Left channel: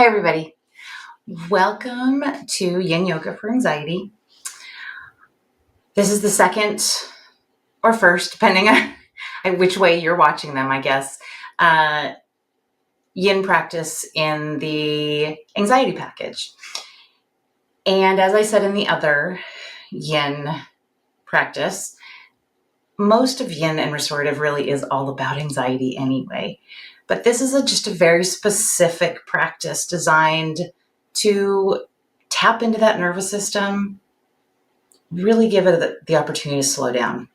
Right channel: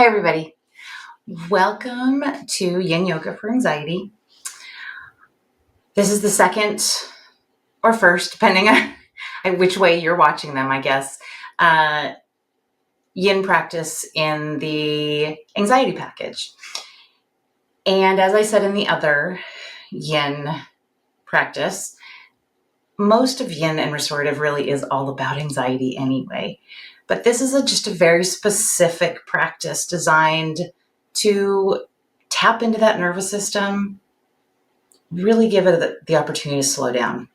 Hi, everybody. Welcome to Yin Yoga for Anxiety. This is the second or first, depending on which way you're watching them, I guess, Yin practice in the anxiety package. And as I said in the other Yin practice, most of Yin and restorative really is all about anxiety anyway. But this is just a very specific practice designed to tap into that nervous system, really give it the opportunity to slow down.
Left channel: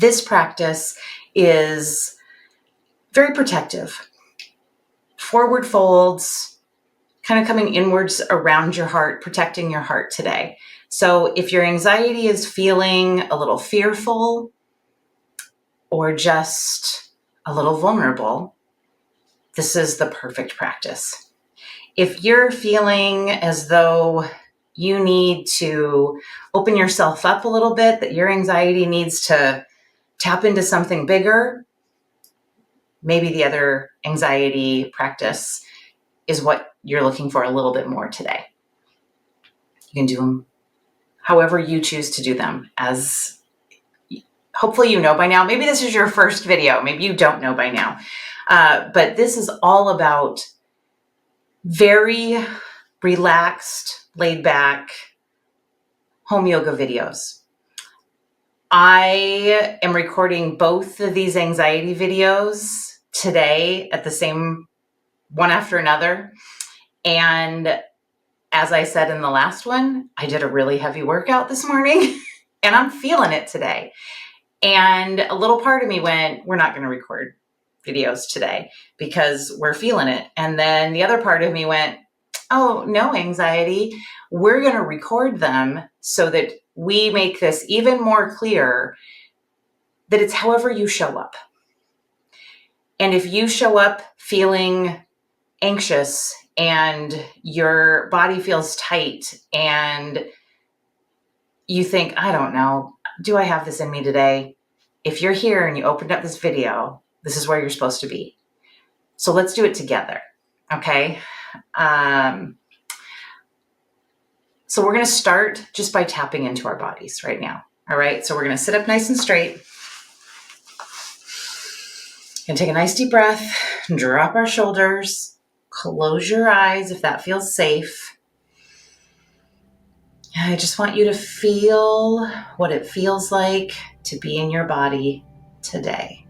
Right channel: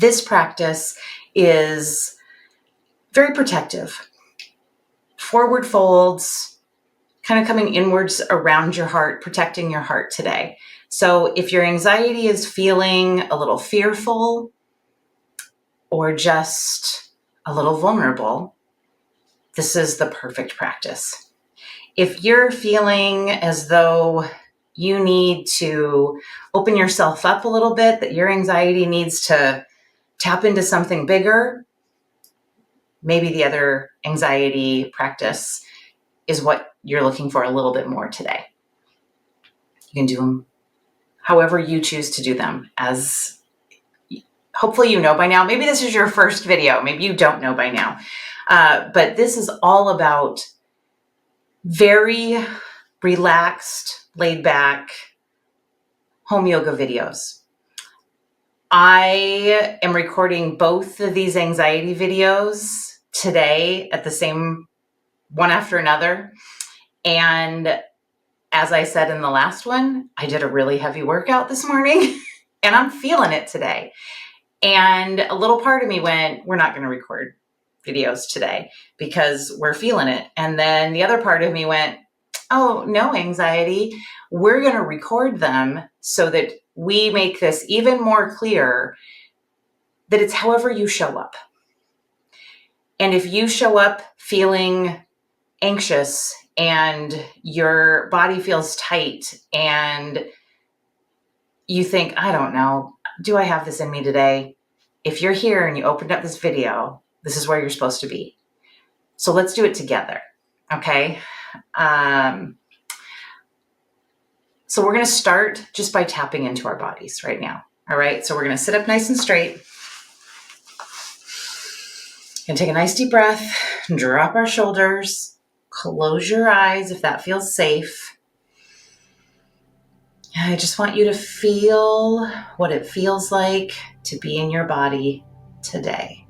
This practice is very protective. Forward folds, kind of coming inwards around your heart, protecting your heart today. So if your anxiety is feeling a little fearful or just a little vulnerable, this is the perfect practice. If you're feeling as though you need to open yourself up a little bit, that your anxiety needs to tap into something bigger, maybe the other anxiety practice is what you're looking for a little bit more today. You can do them however you choose to do them, as hopefully you know by now. Maybe this is your first video. Maybe you don't know by now. But this is all about very relaxed, laid back home yoga videos. I am recording both of these anxiety videos today at the same one after another. And as I said in the last one, I did a really heavy workout this morning and I'm feeling it today. And a little part of me went, we're not going to record videos today because we're feeling it. And then the other part of me went, oh, no anxiety. We're going to record them so that we make this even more clear that it's however you show up. And if you show up feeling anxious and your body feels tight and you think, I don't know, do I have this in me today? If you're here and you opened up this video, this is where you're supposed to be. So let's do it together, okay? So we're going to start just by tapping into our bodies right now, all right? So we're going to sit up nice and straight. And take a nice deep breath, drop our shoulders, close your eyes if that feels safe. I just want you to feel what it feels like to be in your body today.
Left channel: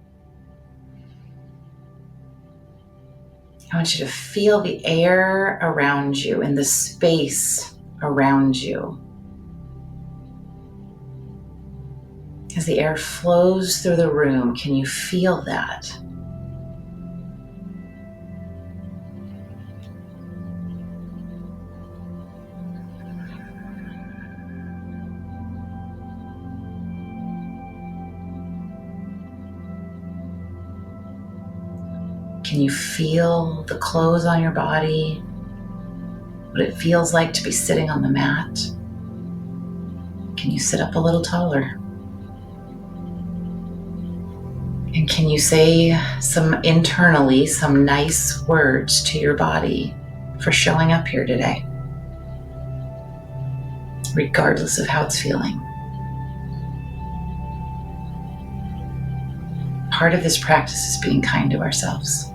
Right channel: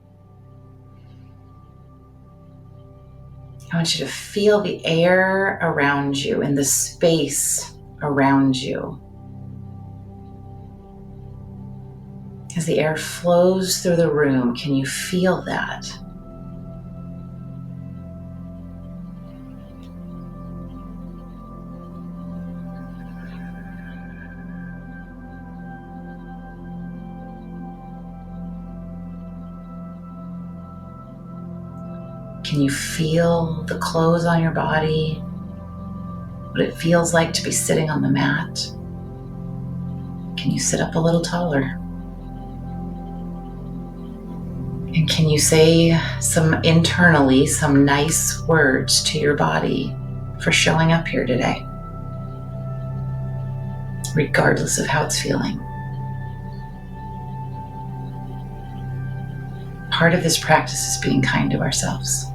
I want you to feel the air around you and the space around you. As the air flows through the room, can you feel that? Can you feel the clothes on your body? What it feels like to be sitting on the mat? Can you sit up a little taller? And can you say internally some nice words to your body for showing up here today, regardless of how it's feeling? Part of this practice is being kind to ourselves.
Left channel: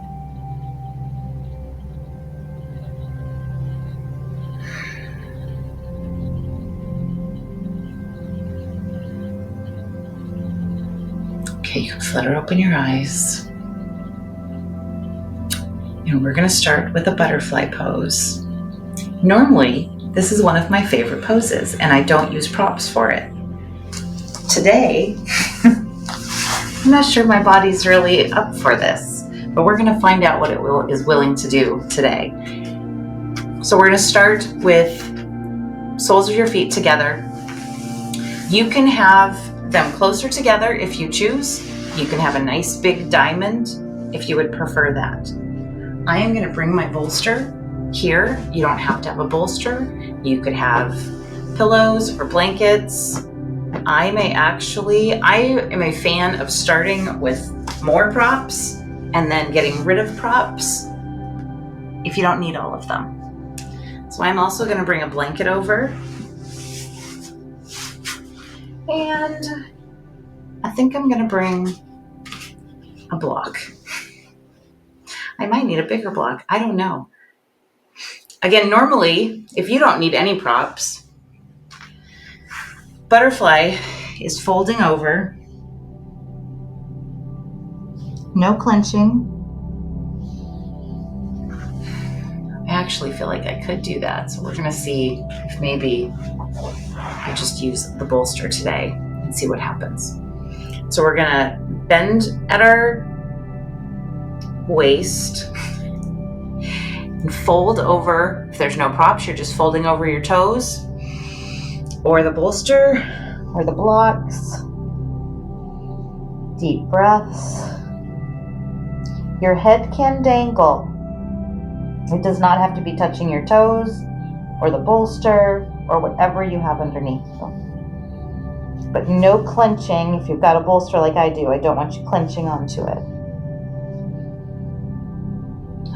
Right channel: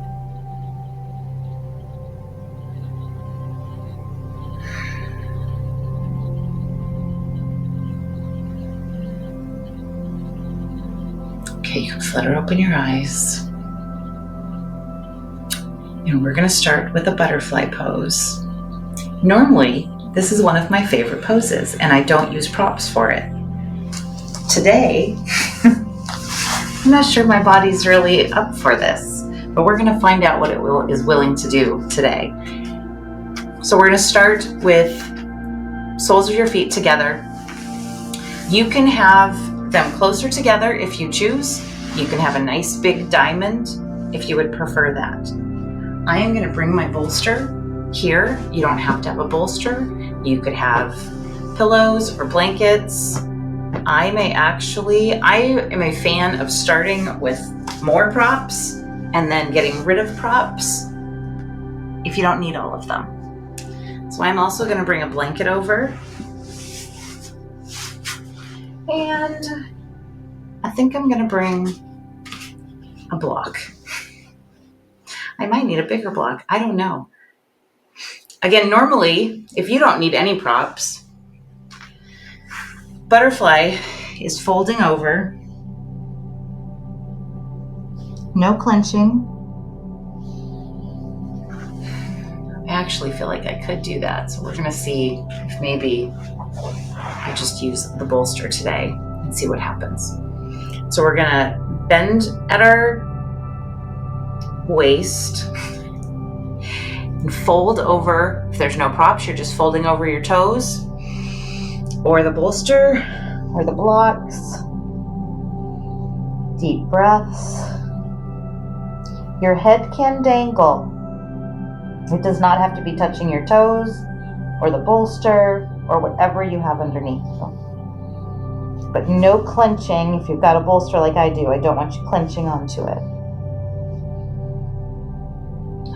Okay, you can flutter open your eyes. And we're going to start with a butterfly pose. Normally, this is one of my favorite poses, and I don't use props for it. Today, I'm not sure my body's really up for this, but we're going to find out what it is willing to do today. So we're going to start with soles of your feet together. You can have them closer together if you choose. You can have a nice big diamond if you would prefer that. I am going to bring my bolster here. You don't have to have a bolster. You could have pillows or blankets. I am a fan of starting with more props and then getting rid of props. If if you don't need all of them. So I'm also going to bring a blanket over. And I think I'm going to bring a block. I might need a bigger block. I don't know. Again, normally, if you don't need any props, butterfly is folding over. No clenching. I actually feel like I could do that. So we're going to see if maybe I just use the bolster today and see what happens. So we're going to bend at our waist and fold over. If there's no props, you're just folding over your toes or the bolster or the blocks. Deep breaths. Your head can dangle. It does not have to be touching your toes or the bolster or whatever you have underneath them. But no clenching. If you've got a bolster like I do, I don't want you clenching onto it.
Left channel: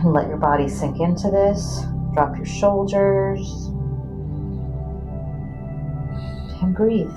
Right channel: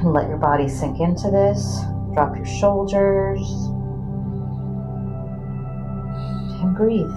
And let your body sink into this. Drop your shoulders. And breathe.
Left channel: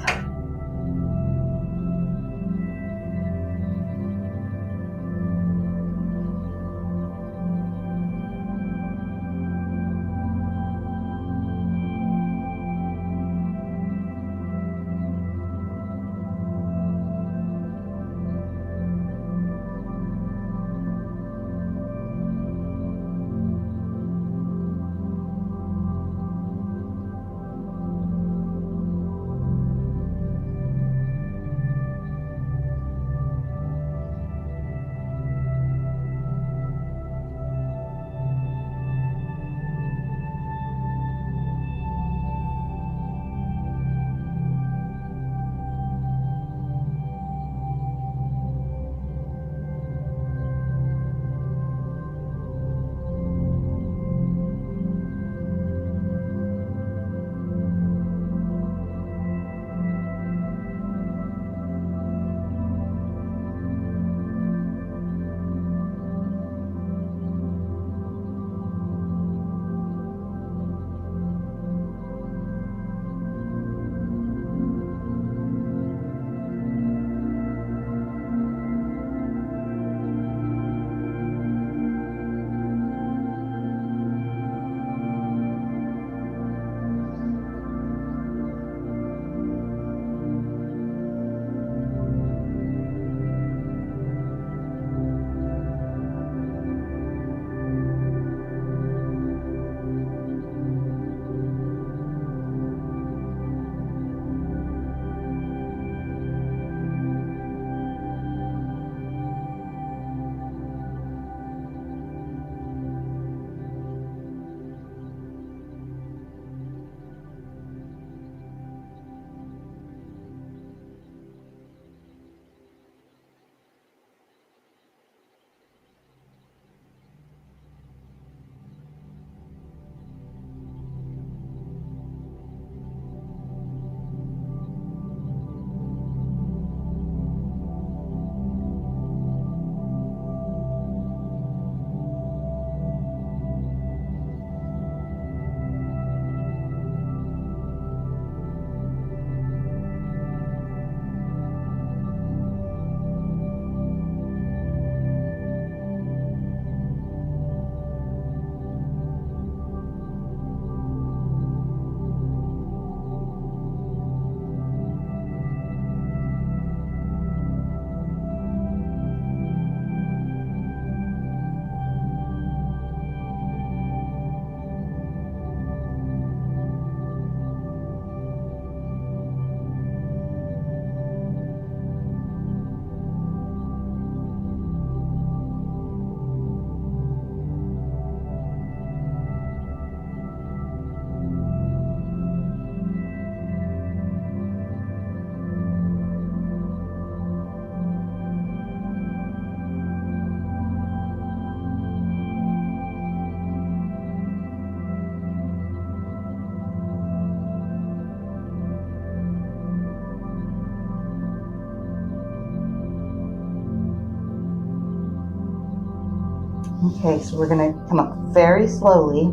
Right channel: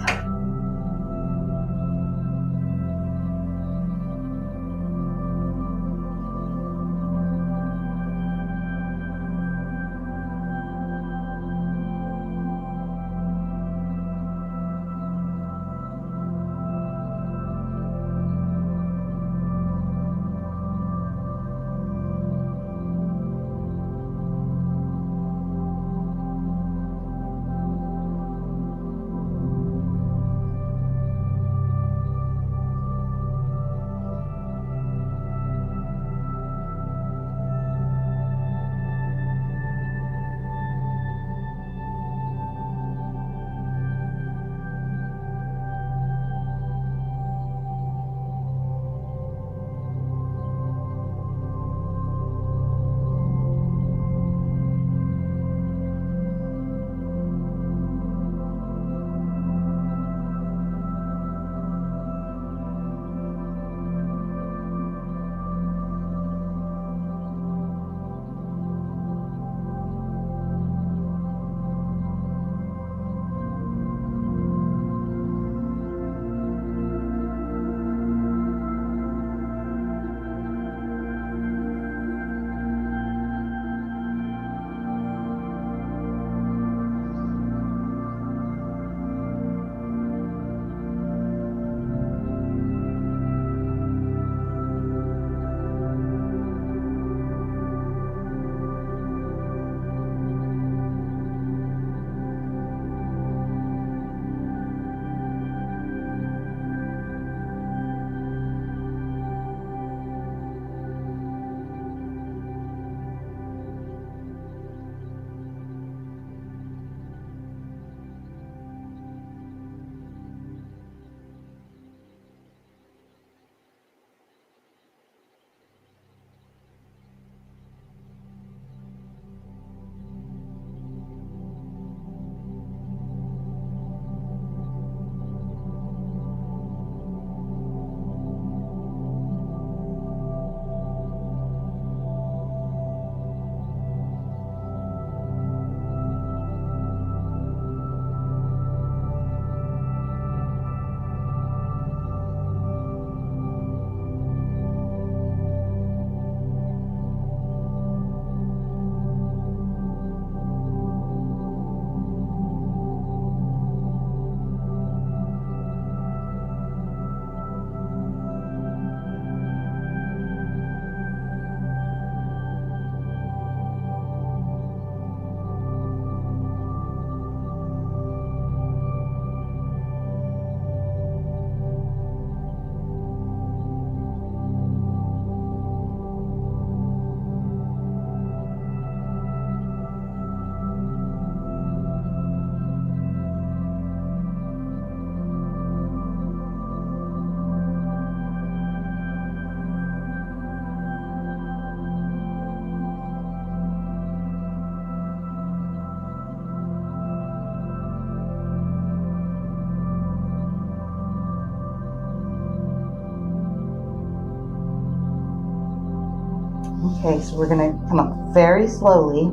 Okay, so we're gonna come up very slowly.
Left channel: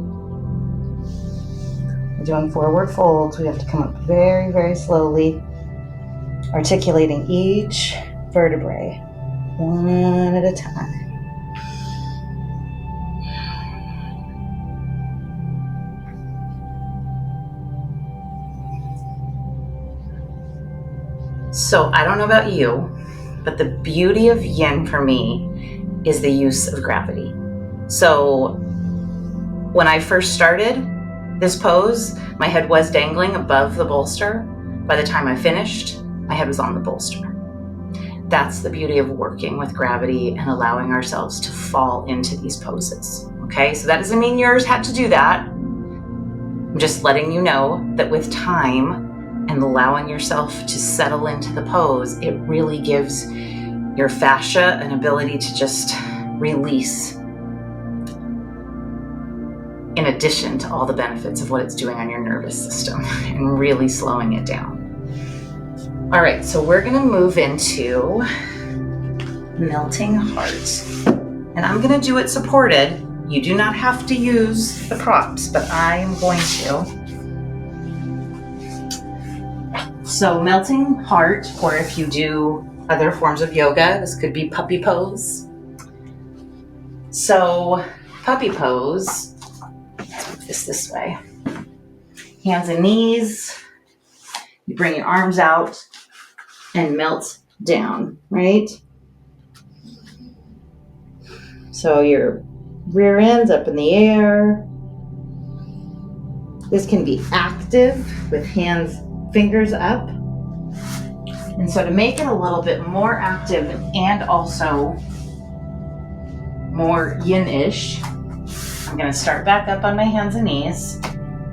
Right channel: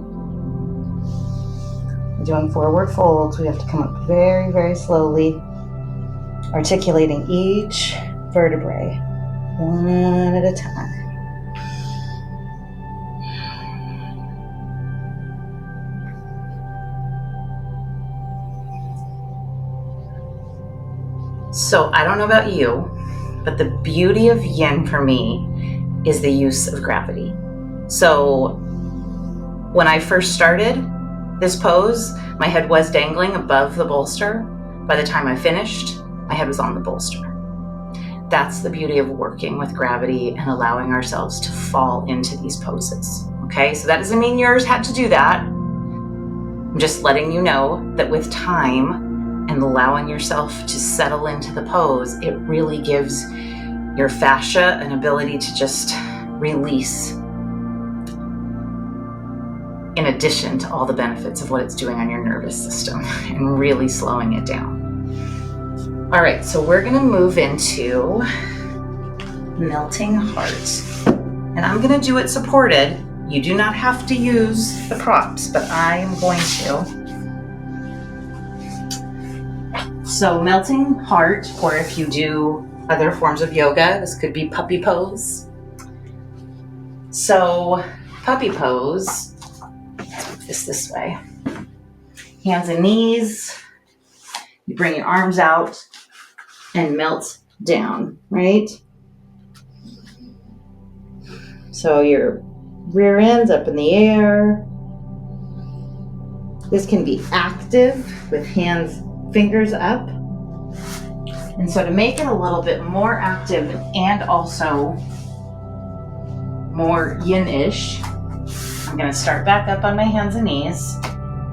We're doing forward folds. We have to come up very, very slowly, articulating each vertebrae one at a time. So I don't know about you, but the beauty of yin for me is the use of gravity. So when I first started this pose, my head was dangling above the bolster. By the time I finished, my head was on the bolster. That's the beauty of working with gravity and allowing ourselves to fall into these poses. Okay, so that doesn't mean yours had to do that. I'm just letting you know that with time and allowing yourself to settle into the pose, it really gives your fascia an ability to just release, in addition to all the benefits of what it's doing on your nervous system and really slowing it down. All right, so we're gonna move into melting heart. And I'm gonna do it supported. You do not have to use the props, but I am going to. So melting heart, or if you do other forms of yoga, this could be puppy pose. So puppy pose, let's move this way. Hands and knees, you bring your arms out and melt down, right? So your rear end's up in the air. This can be active with hands, fingers up. And so to make it a little bit more active and also more yin-ish, I'm going to start back up on my hands and knees,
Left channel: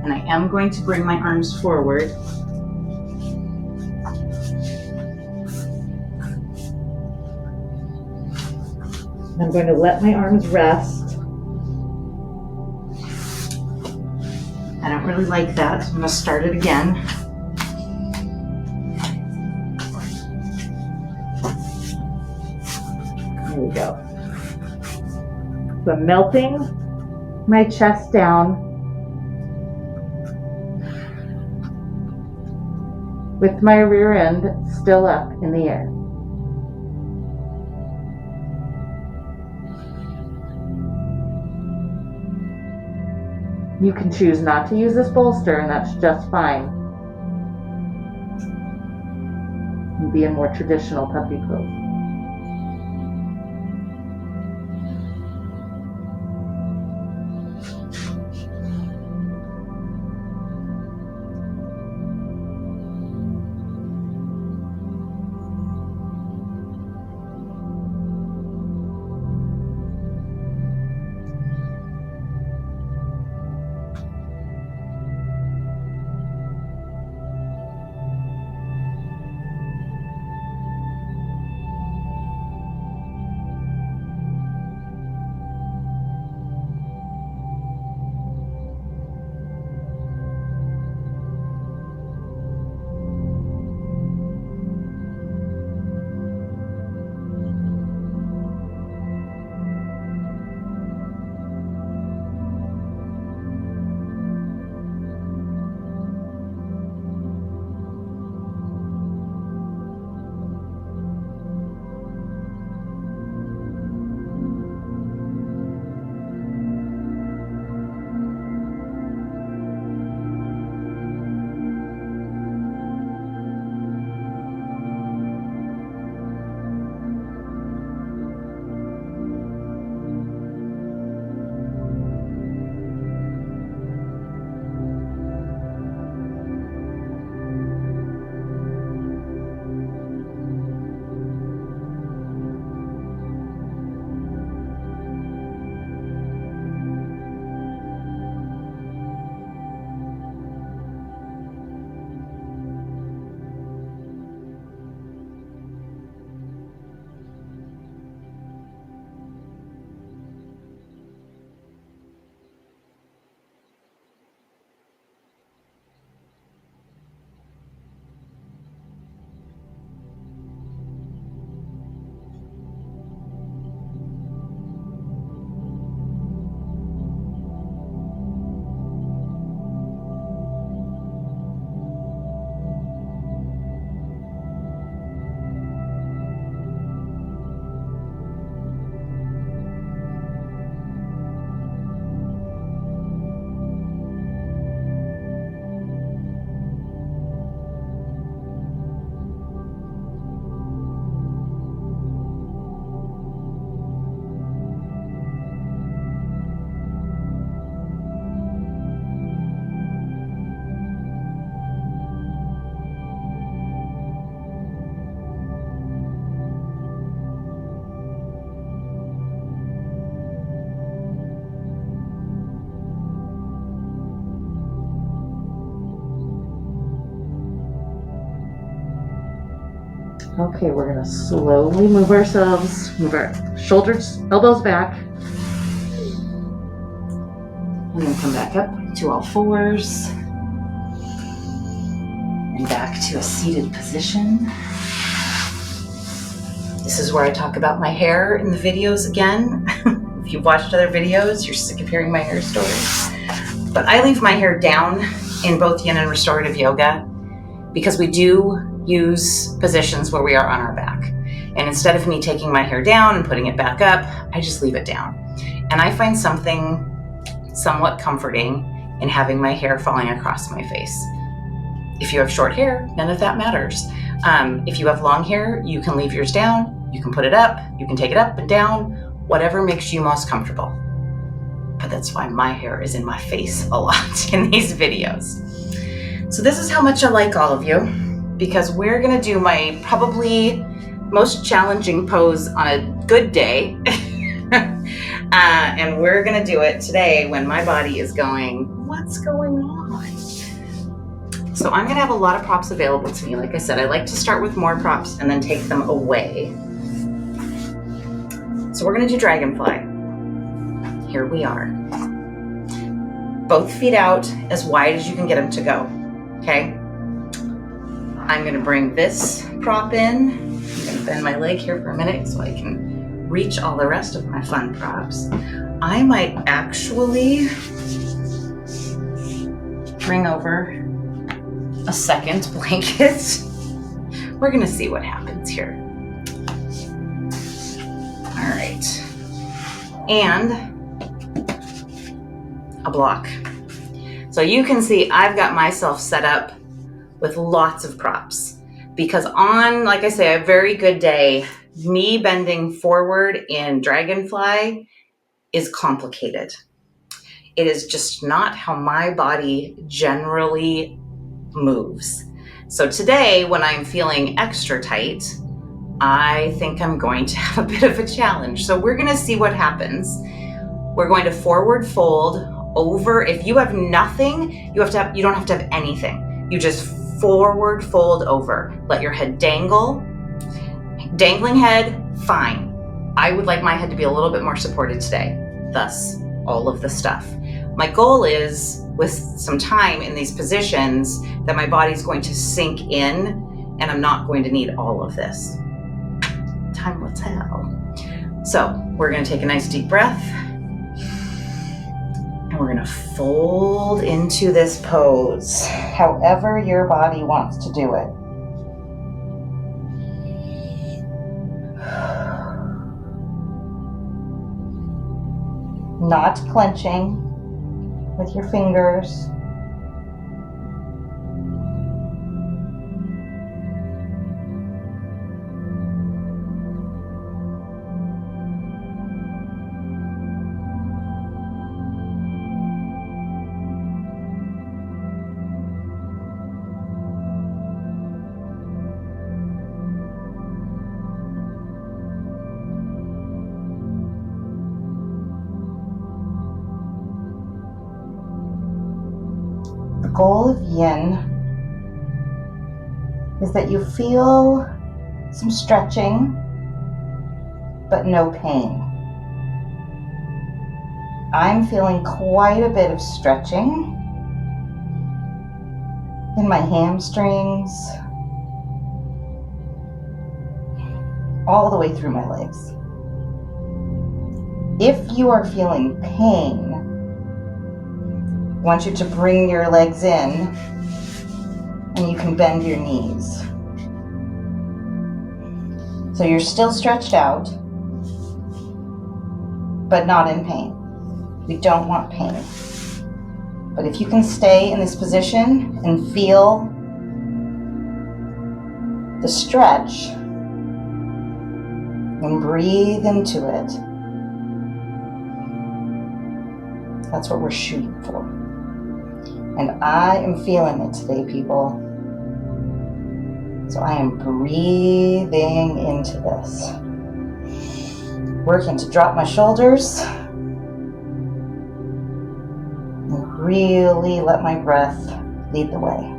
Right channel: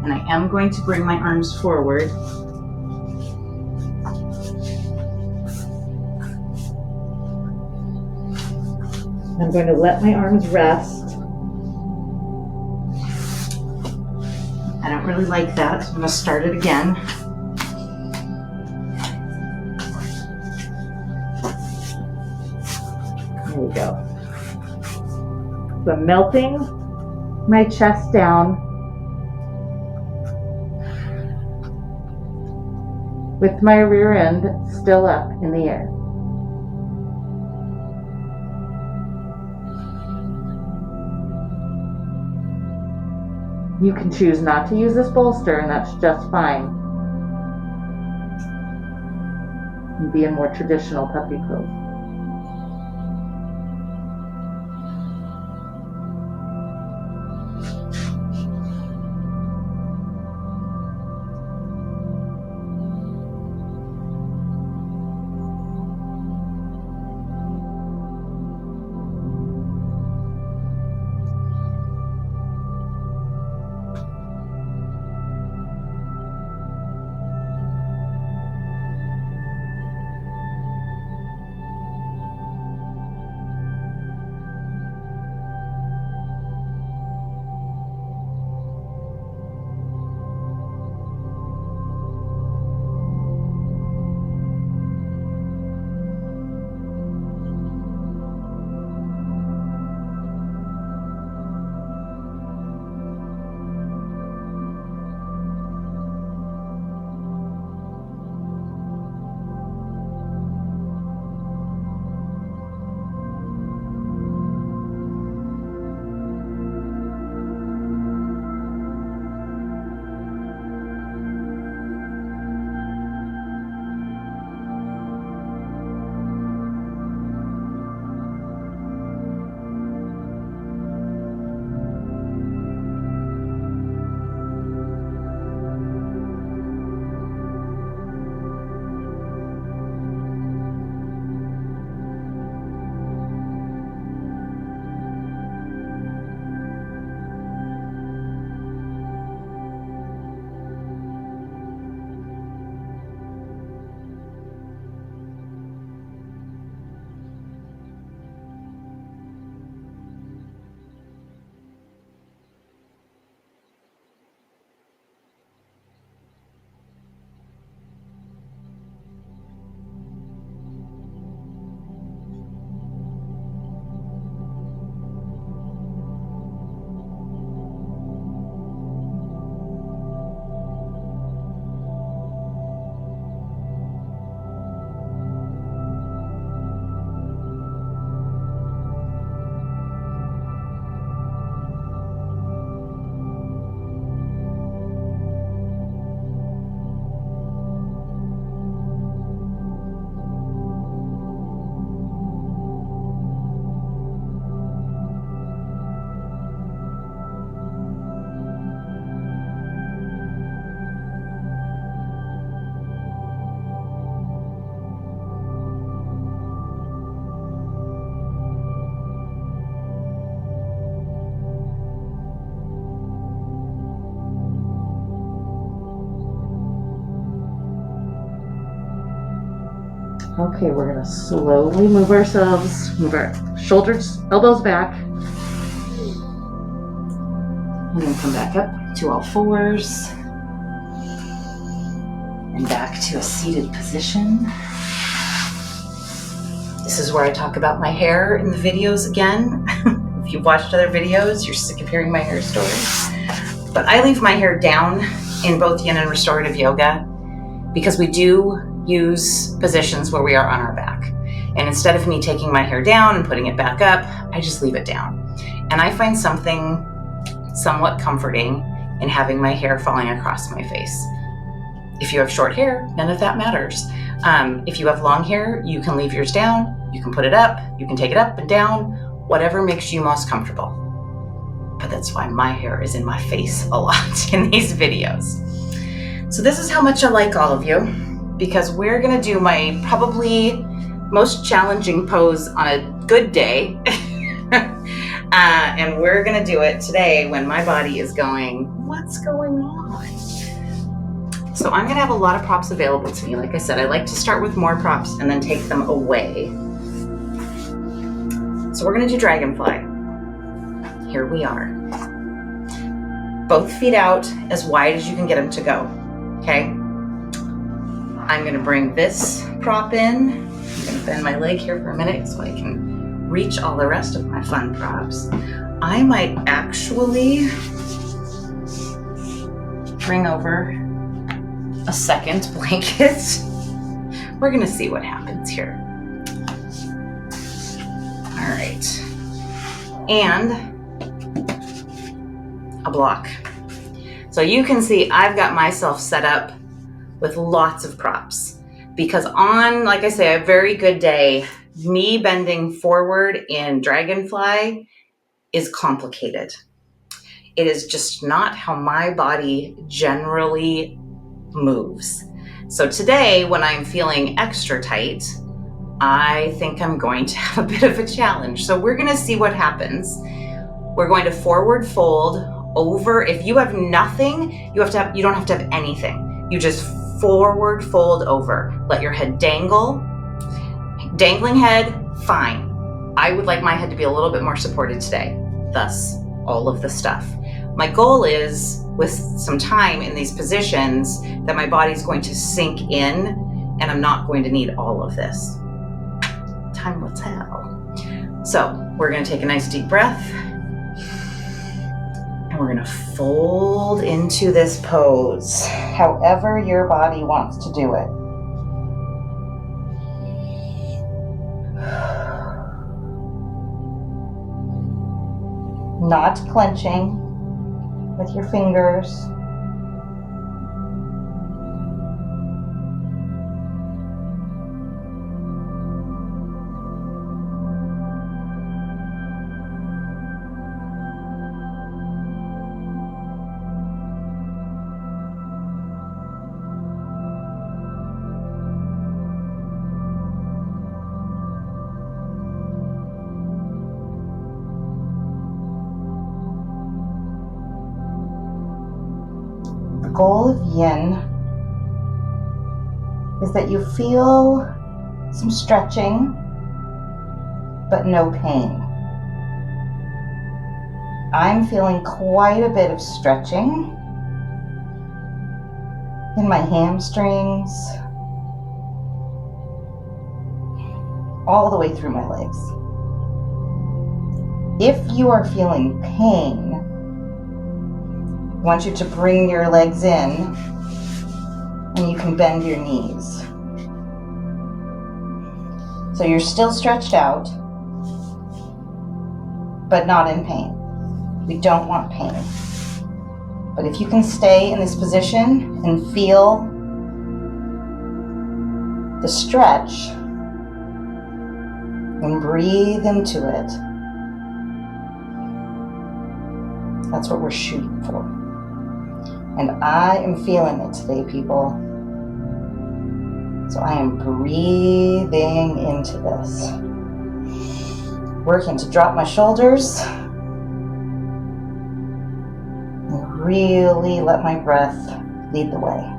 and I am going to bring my arms forward. I'm going to let my arms rest. I don't really like that, so I'm going to start it again. There we go. So I'm melting my chest down with my rear end still up in the air. You can choose not to use this bolster, and that's just fine. And be a more traditional puppy pose. Okay, we're gonna slowly move ourselves, move our shoulders, elbows back, and then come back up to all fours, and back to a seated position. This is where I talk about my hair in the videos again. If you've watched other videos, you're sick of hearing my hair stories. But I leave my hair down in both yin and restorative yoga because we do use positions where we are on our back. And instead of me taking my hair down and putting it back up, I just leave it down. And I find something somewhat comforting in having my hair falling across my face. If you have short hair, none of that matters. If you have long hair, you can leave yours down, you can put it up, you can take it up and down, whatever makes you most comfortable. But that's why my hair is in my face a lot in these videos. So this is how much I like all of you, because we're gonna do my probably most challenging pose on a good day. And we're gonna do it today when my body is going, what's going on? So I'm gonna have a lot of props available to me. Like I said, I like to start with more props and then take them away. So we're gonna do dragonfly. Here we are. Both feet out as wide as you can get them to go, okay? I'm gonna bring this prop in. I'm gonna bend my leg here for a minute so I can reach all the rest of my fun props. I might actually bring over a second blanket. We're gonna see what happens here. All right. And a block. So you can see I've got myself set up with lots of props because on, like I say, a very good day, me bending forward in dragonfly is complicated. It is just not how my body generally moves. So today, when I'm feeling extra tight, I think I'm going to have a bit of a challenge. So we're gonna see what happens. We're going to forward fold over. If you have nothing, you don't have to have anything. You just forward fold over. Let your head dangle. Dangling head, fine. I would like my head to be a little bit more supported today. Thus, all of the stuff. My goal is, with some time in these positions, that my body's going to sink in and I'm not going to need all of this. Time will tell. So we're gonna take a nice deep breath. And we're gonna fold into this pose, however your body wants to do it. Not clenching with your fingers. The goal of yin is that you feel some stretching, but no pain. I'm feeling quite a bit of stretching in my hamstrings, all the way through my legs. If you are feeling pain, I want you to bring your legs in and you can bend your knees. So you're still stretched out, but not in pain. We don't want pain. But if you can stay in this position and feel the stretch and breathe into it, that's what we're shooting for. And I am feeling it today, people. So I am breathing into this. Working to drop my shoulders and really let my breath lead the way.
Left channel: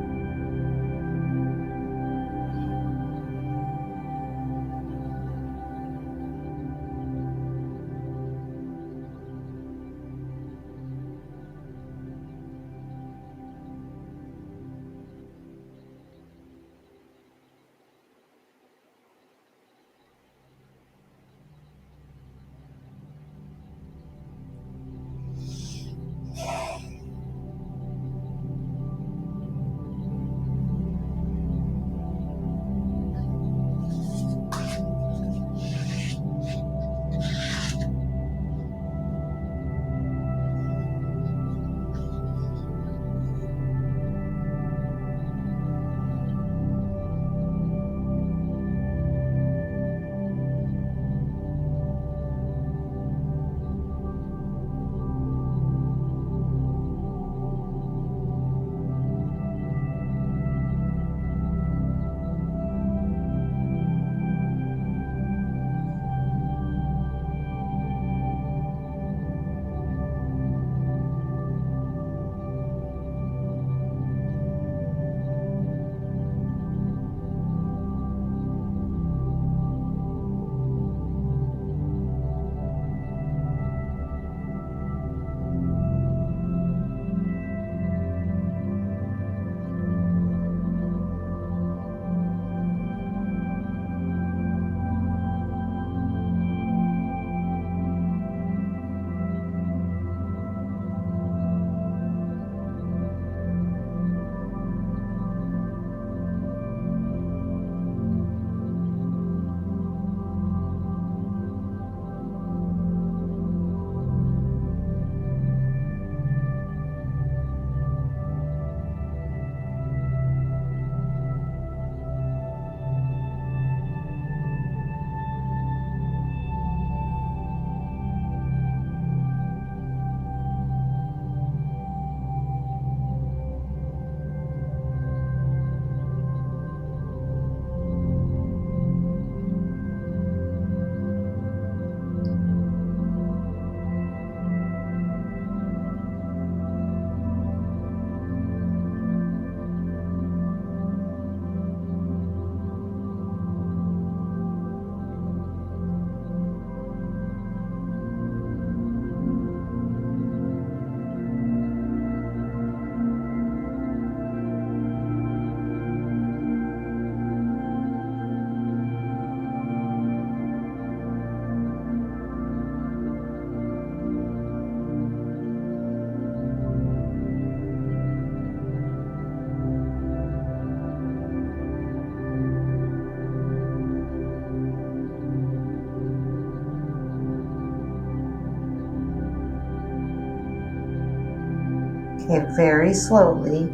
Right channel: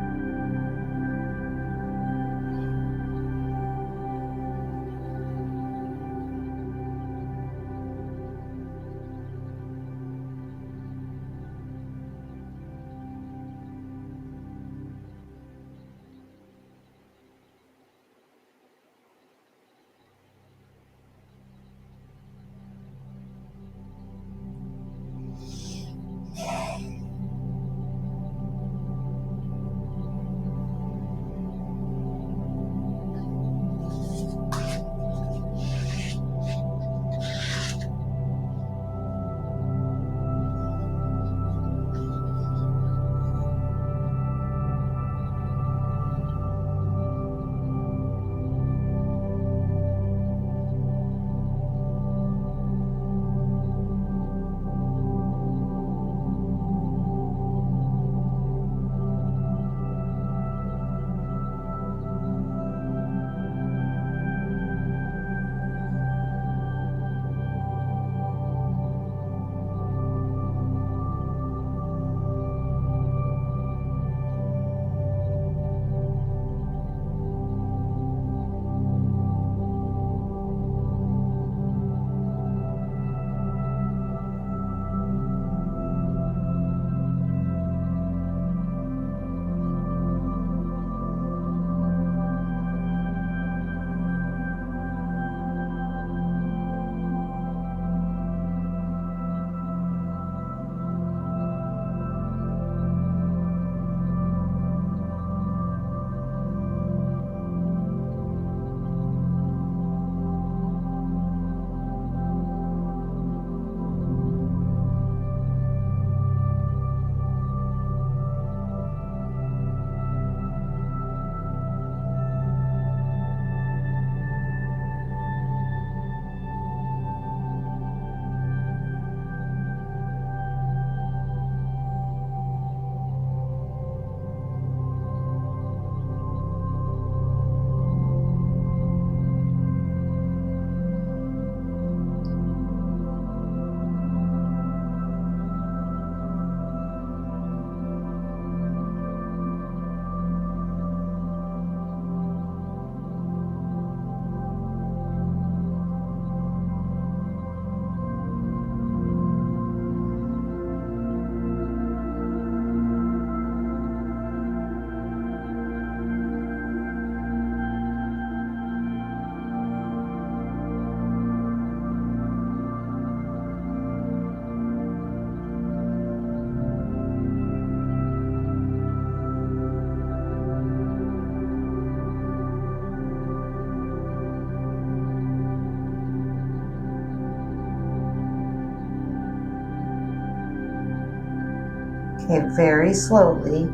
Okay, very slowly,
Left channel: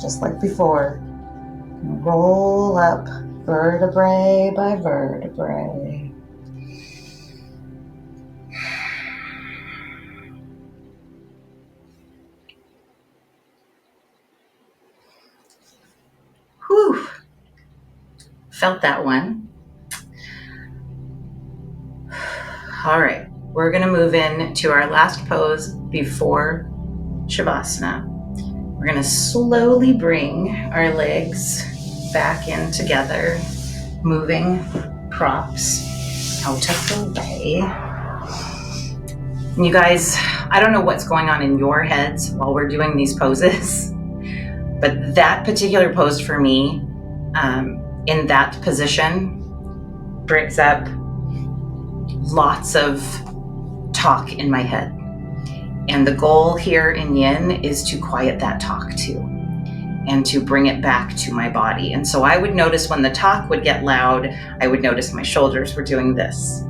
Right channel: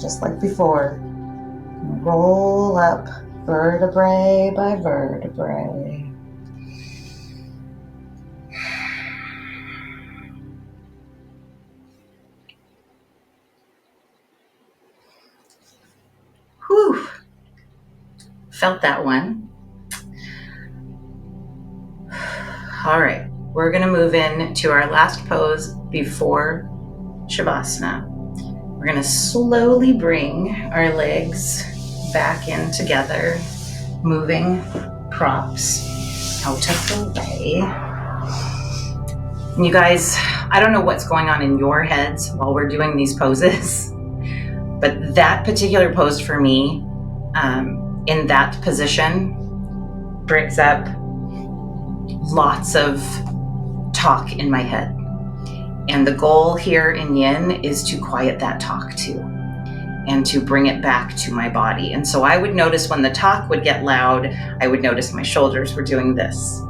just like before, roll up vertebrae by vertebrae. Whew. Felt that one. All right, we're gonna move in to our last pose before Shavasana. We're gonna slowly bring our legs back in together, moving props out of the way. And you guys, I don't know what's going on in your heads while we're doing these poses, but that particular pose for me, in that position, brings up lots of talk in my head. And the goal here in Yin is to quiet that talk too, and to bring it back to my body. And so I would notice when the talk would get loud, I would notice my shoulders were doing this.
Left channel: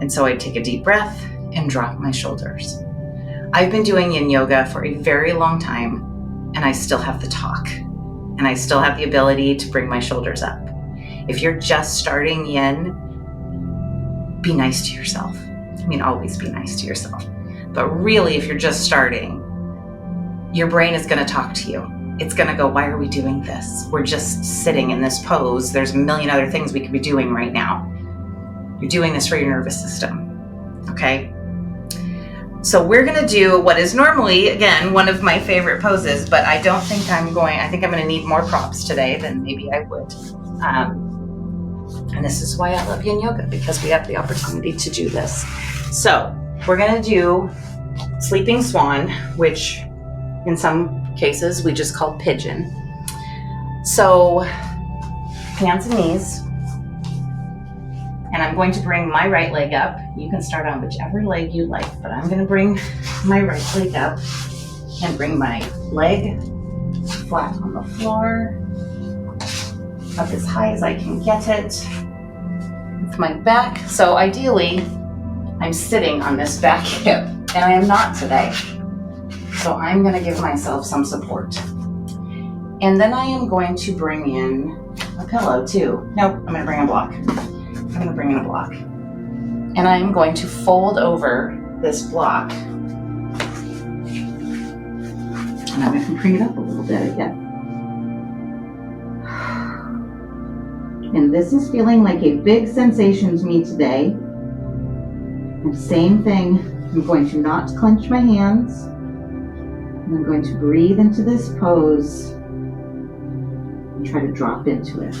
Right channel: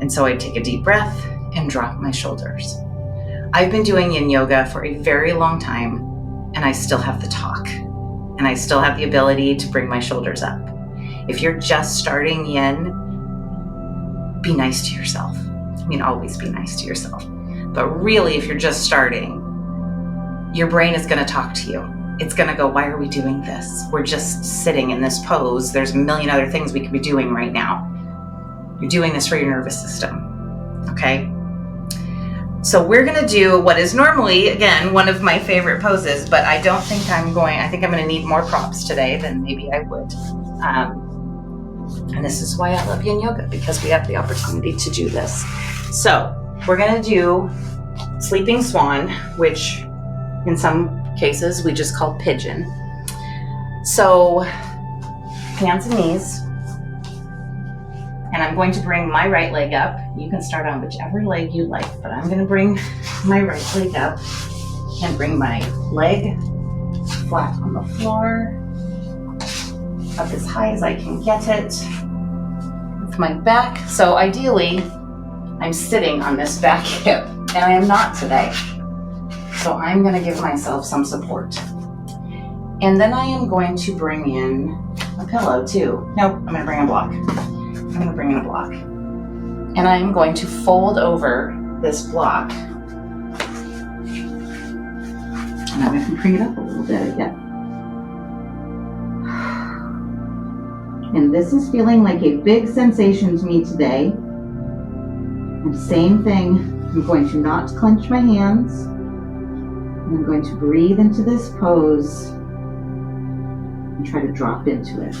And so I'd take a deep breath and drop my shoulders. I've been doing Yin yoga for a very long time, and I still have the talk, and I still have the ability to bring my shoulders up. If you're just starting Yin, be nice to yourself. I mean, always be nice to yourself. But really, if you're just starting, your brain is going to talk to you. It's going to go, why are we doing this? We're just sitting in this pose. There's a million other things we could be doing right now. You're doing this for your nervous system, okay? So we're going to do what is normally, again, one of my favorite poses, but I think I'm going to need more props today than maybe I would. And this is why I love Yin Yoga, because we have the opportunity to do this. So we're going to do Sleeping Swan, which in some cases we just call pigeon. So hands and knees. And I'm going to bring my right leg up. You can start on whichever leg you like, but I'm going to bring my right leg up and bring my leg flat on the floor, up as high as I can get it with my back. So ideally, I'm sitting on this back hip, and I am not today. So I'm going to give myself some support. And then I am going to bring in a pillow too. Nope, I'm going to bring a block. I'm going to bring in a block. And I'm going to fold over this block. And I'm going to bring it up a little bit again. And this is feeling like a big sensation to me today. And same thing, I'm going to not clench my hands. And I'm going to breathe into this pose and try to drop into it.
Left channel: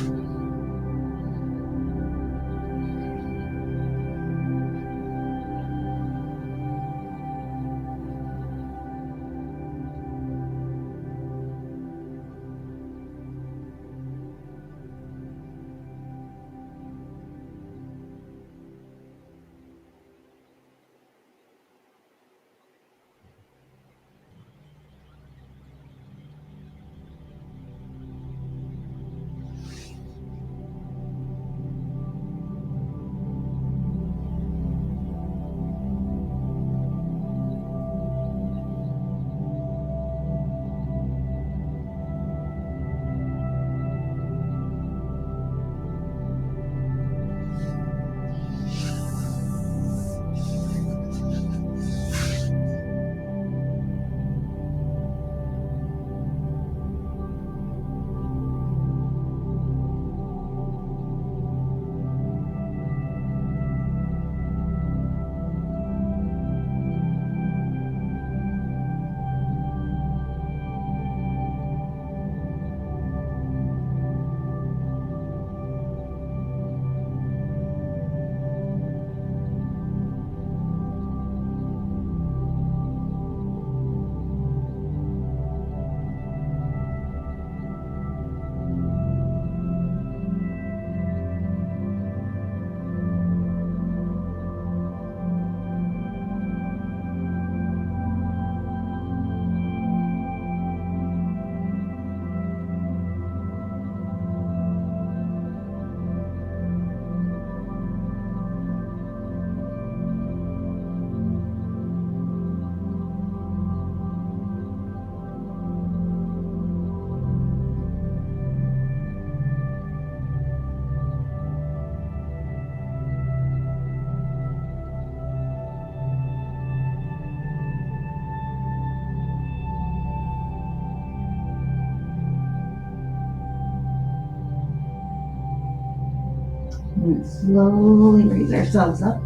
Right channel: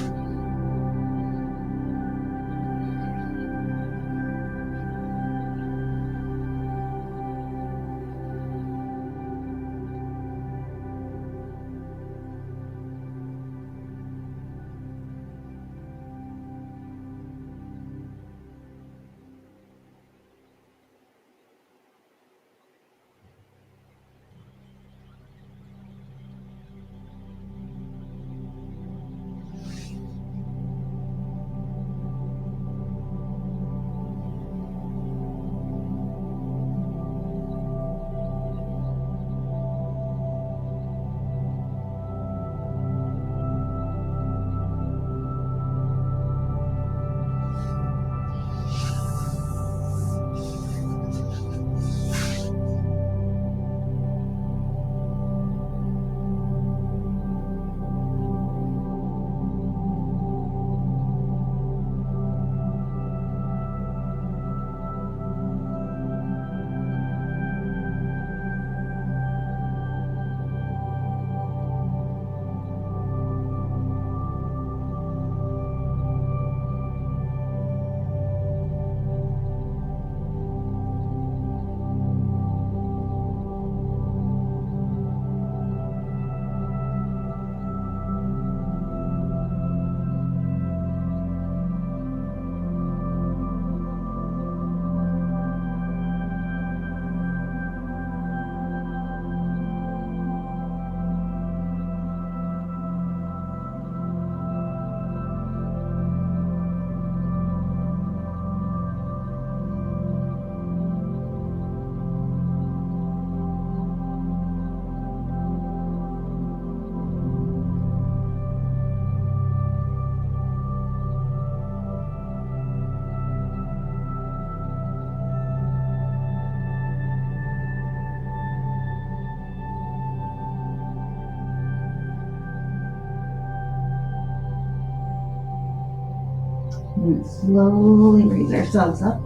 And slowly raise ourselves up.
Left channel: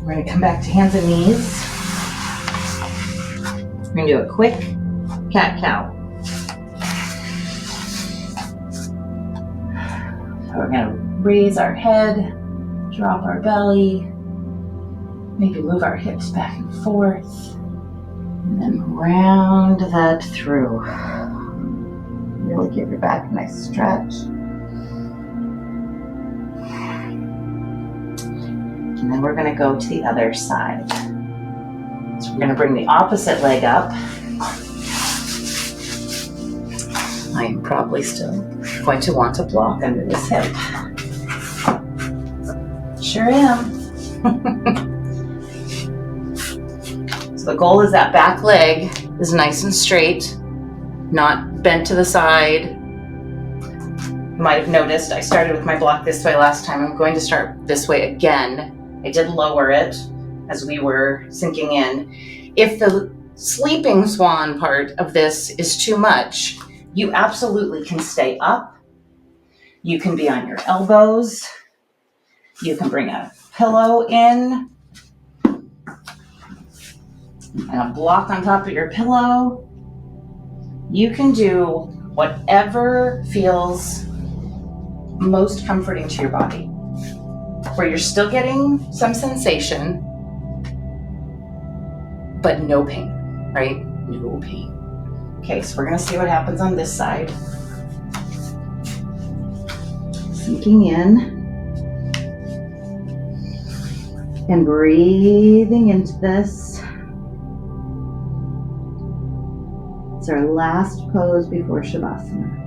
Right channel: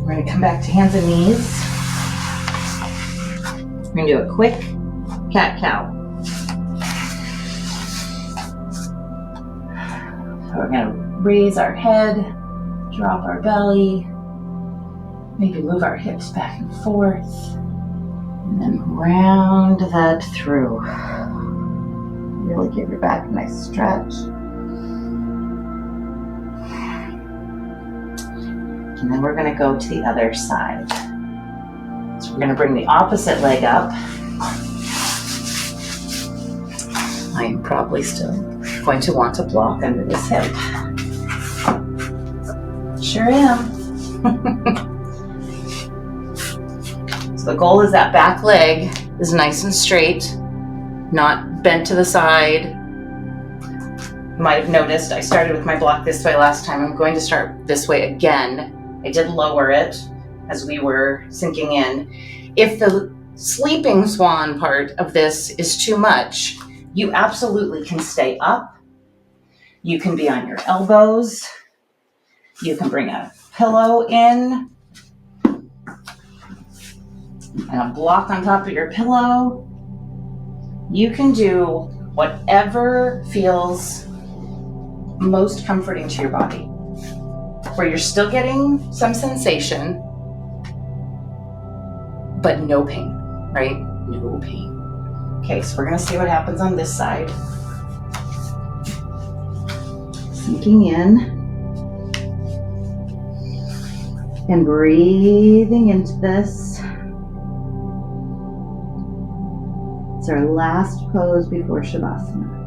We're going to come back to hands and knees. We're going to do a quick cat-cow. So we're going to raise our head, drop our belly, maybe move our hips back and forth, and then round that through. Really give your back a nice stretch. And then we're going to go to the other side. So we're going to bring the opposite leg up. I am probably still going to want to block under this hip. Sure am. So the goal is that back leg is nice and straight, not bent to the side. You might have noticed I started with my block this way last time. I'm going to start this way again. I did lower it as we were sinking in. If the sleeping swan part of this is too much, you absolutely can stay up. You can be on your elbows. You can bring a pillow in and a block on top of your pillow. You can do whatever feels most comforting to your body, where you're still getting some sensation, but no pain, right? No pain. Okay, so we're going to see what happens on this side. Sinking in and breathing into this. It's our last pose before Shavasana.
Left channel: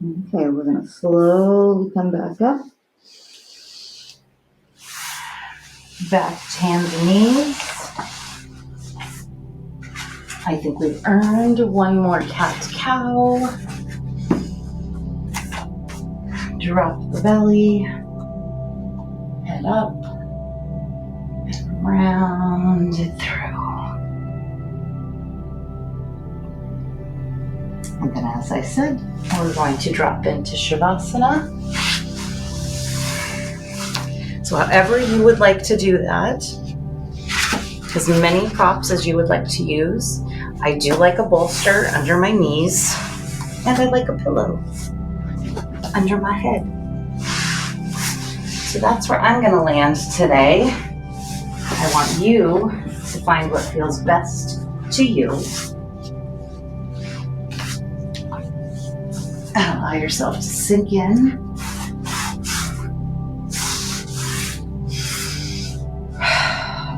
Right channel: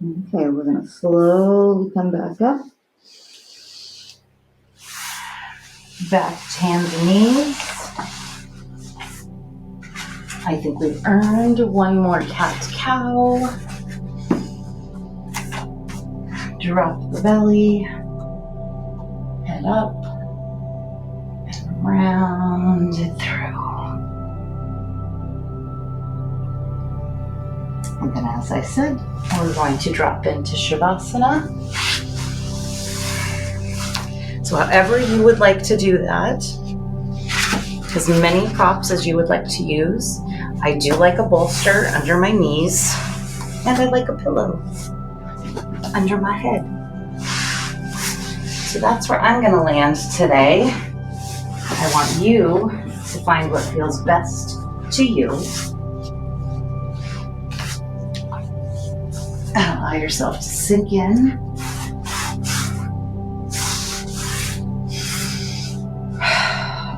Okay, we're going to slowly come back up. Back to hands and knees. I think we've earned one more cat-cow. Drop the belly. Head up. And round it through. And then, as I said, we're going to drop into Shavasana. So however you would like to do that, as many props as you would like to use. I do like a bolster under my knees, and I like a pillow under my head. So that's where I'm gonna land today. I want you to find what feels best to you. And allow yourself to sink in.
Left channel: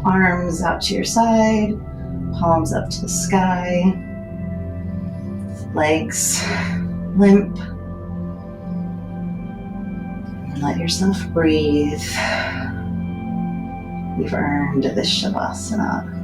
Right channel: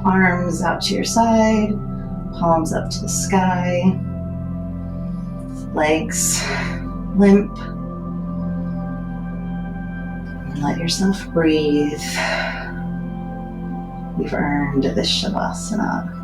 Arms out to your side, palms up to the sky, legs limp. And let yourself breathe. You've earned this Shavasana.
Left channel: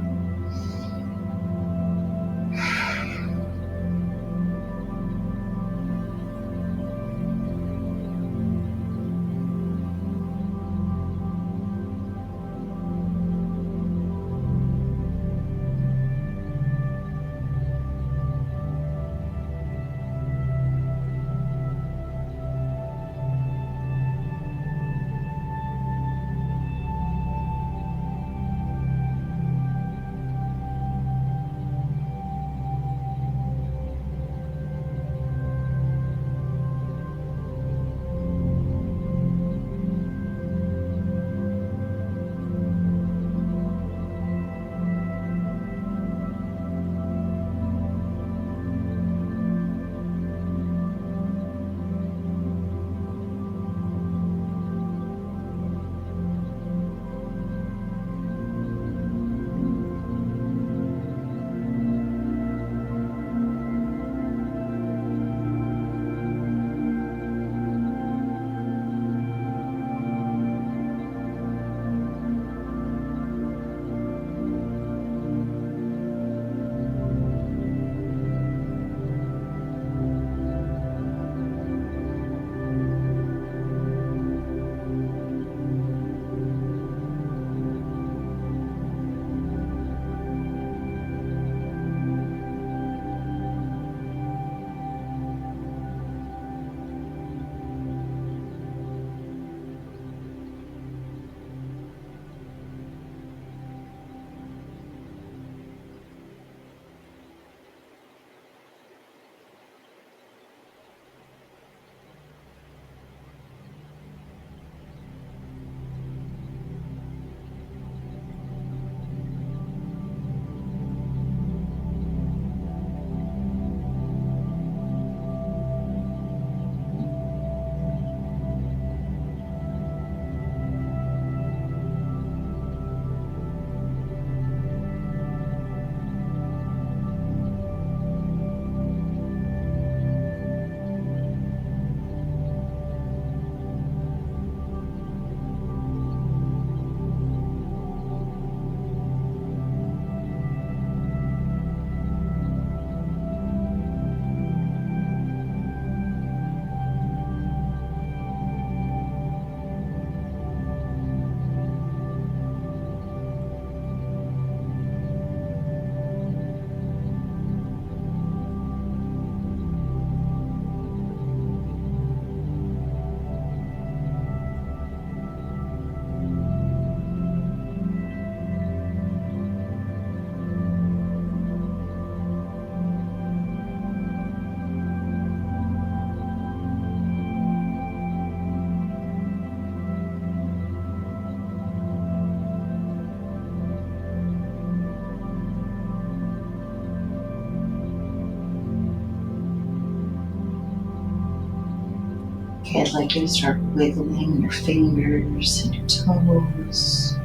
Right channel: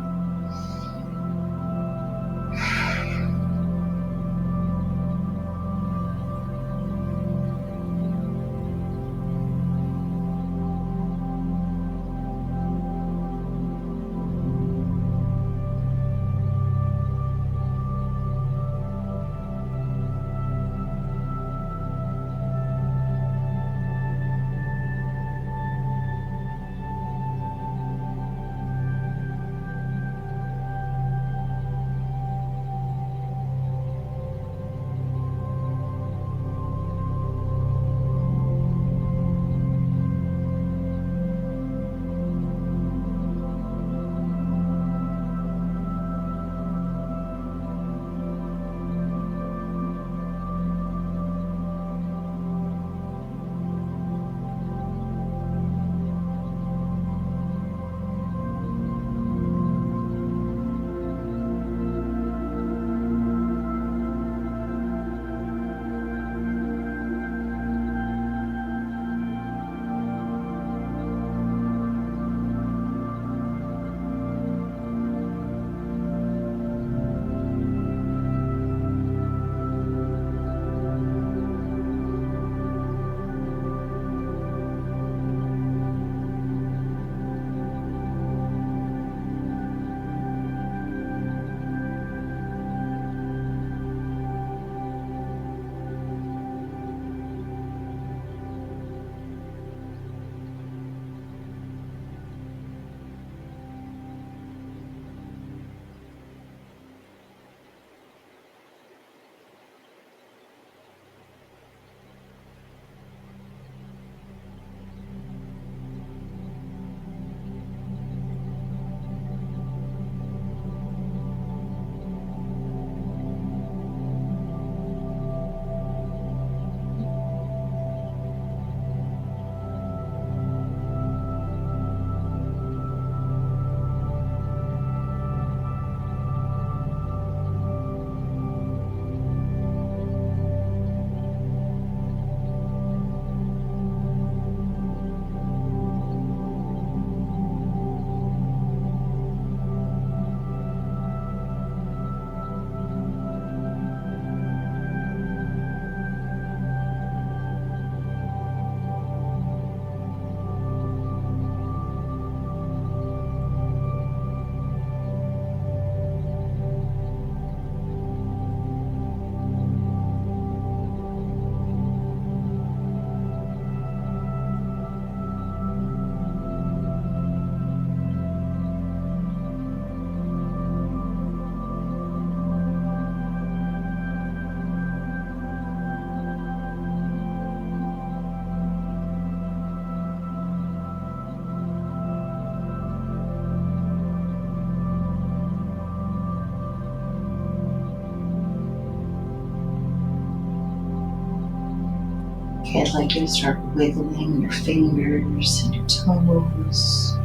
Okay, I'd like you to start wiggling your fingers and your toes,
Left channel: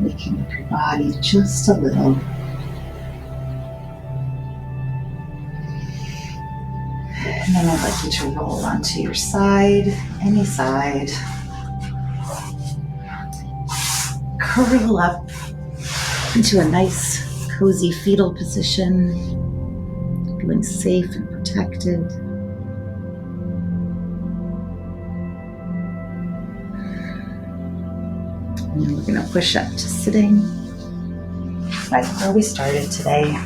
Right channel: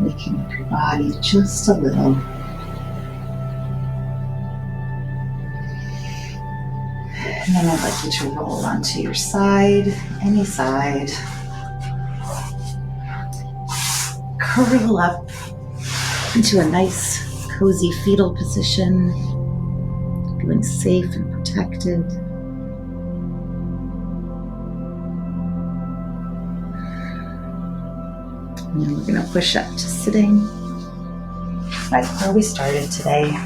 waking up your body just a little. And then I'd like you to roll onto your side, any side. Curl up into a nice, cozy fetal position, feeling safe and protected. And then we're going to push up to sitting, right where we started today.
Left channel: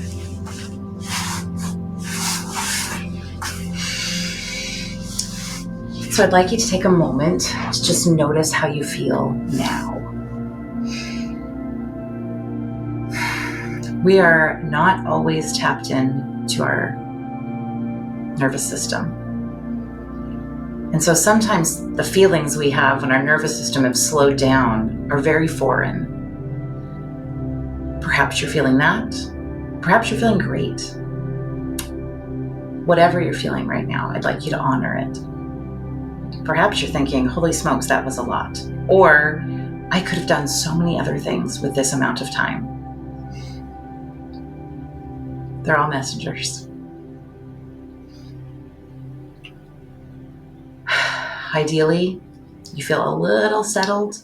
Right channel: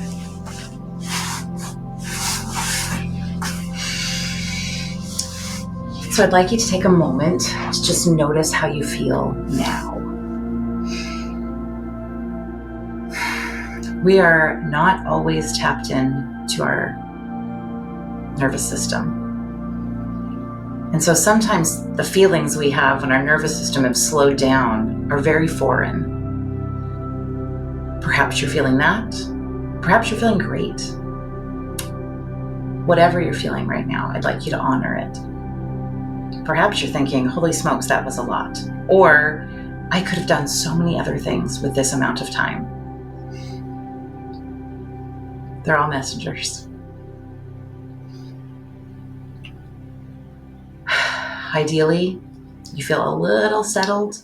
So I'd like you to take a moment to just notice how you feel now. We are not always tapped in to our nervous system. And so sometimes the feelings we have when our nervous system has slowed down are very foreign. Perhaps you're feeling that. Perhaps you're feeling great. Whatever you're feeling right now, I'd like you to honor it. Perhaps you're thinking, holy smokes, that was a lot. Or, I could have done so many other things with this amount of time. They're all messengers. Ideally, you feel a little settled,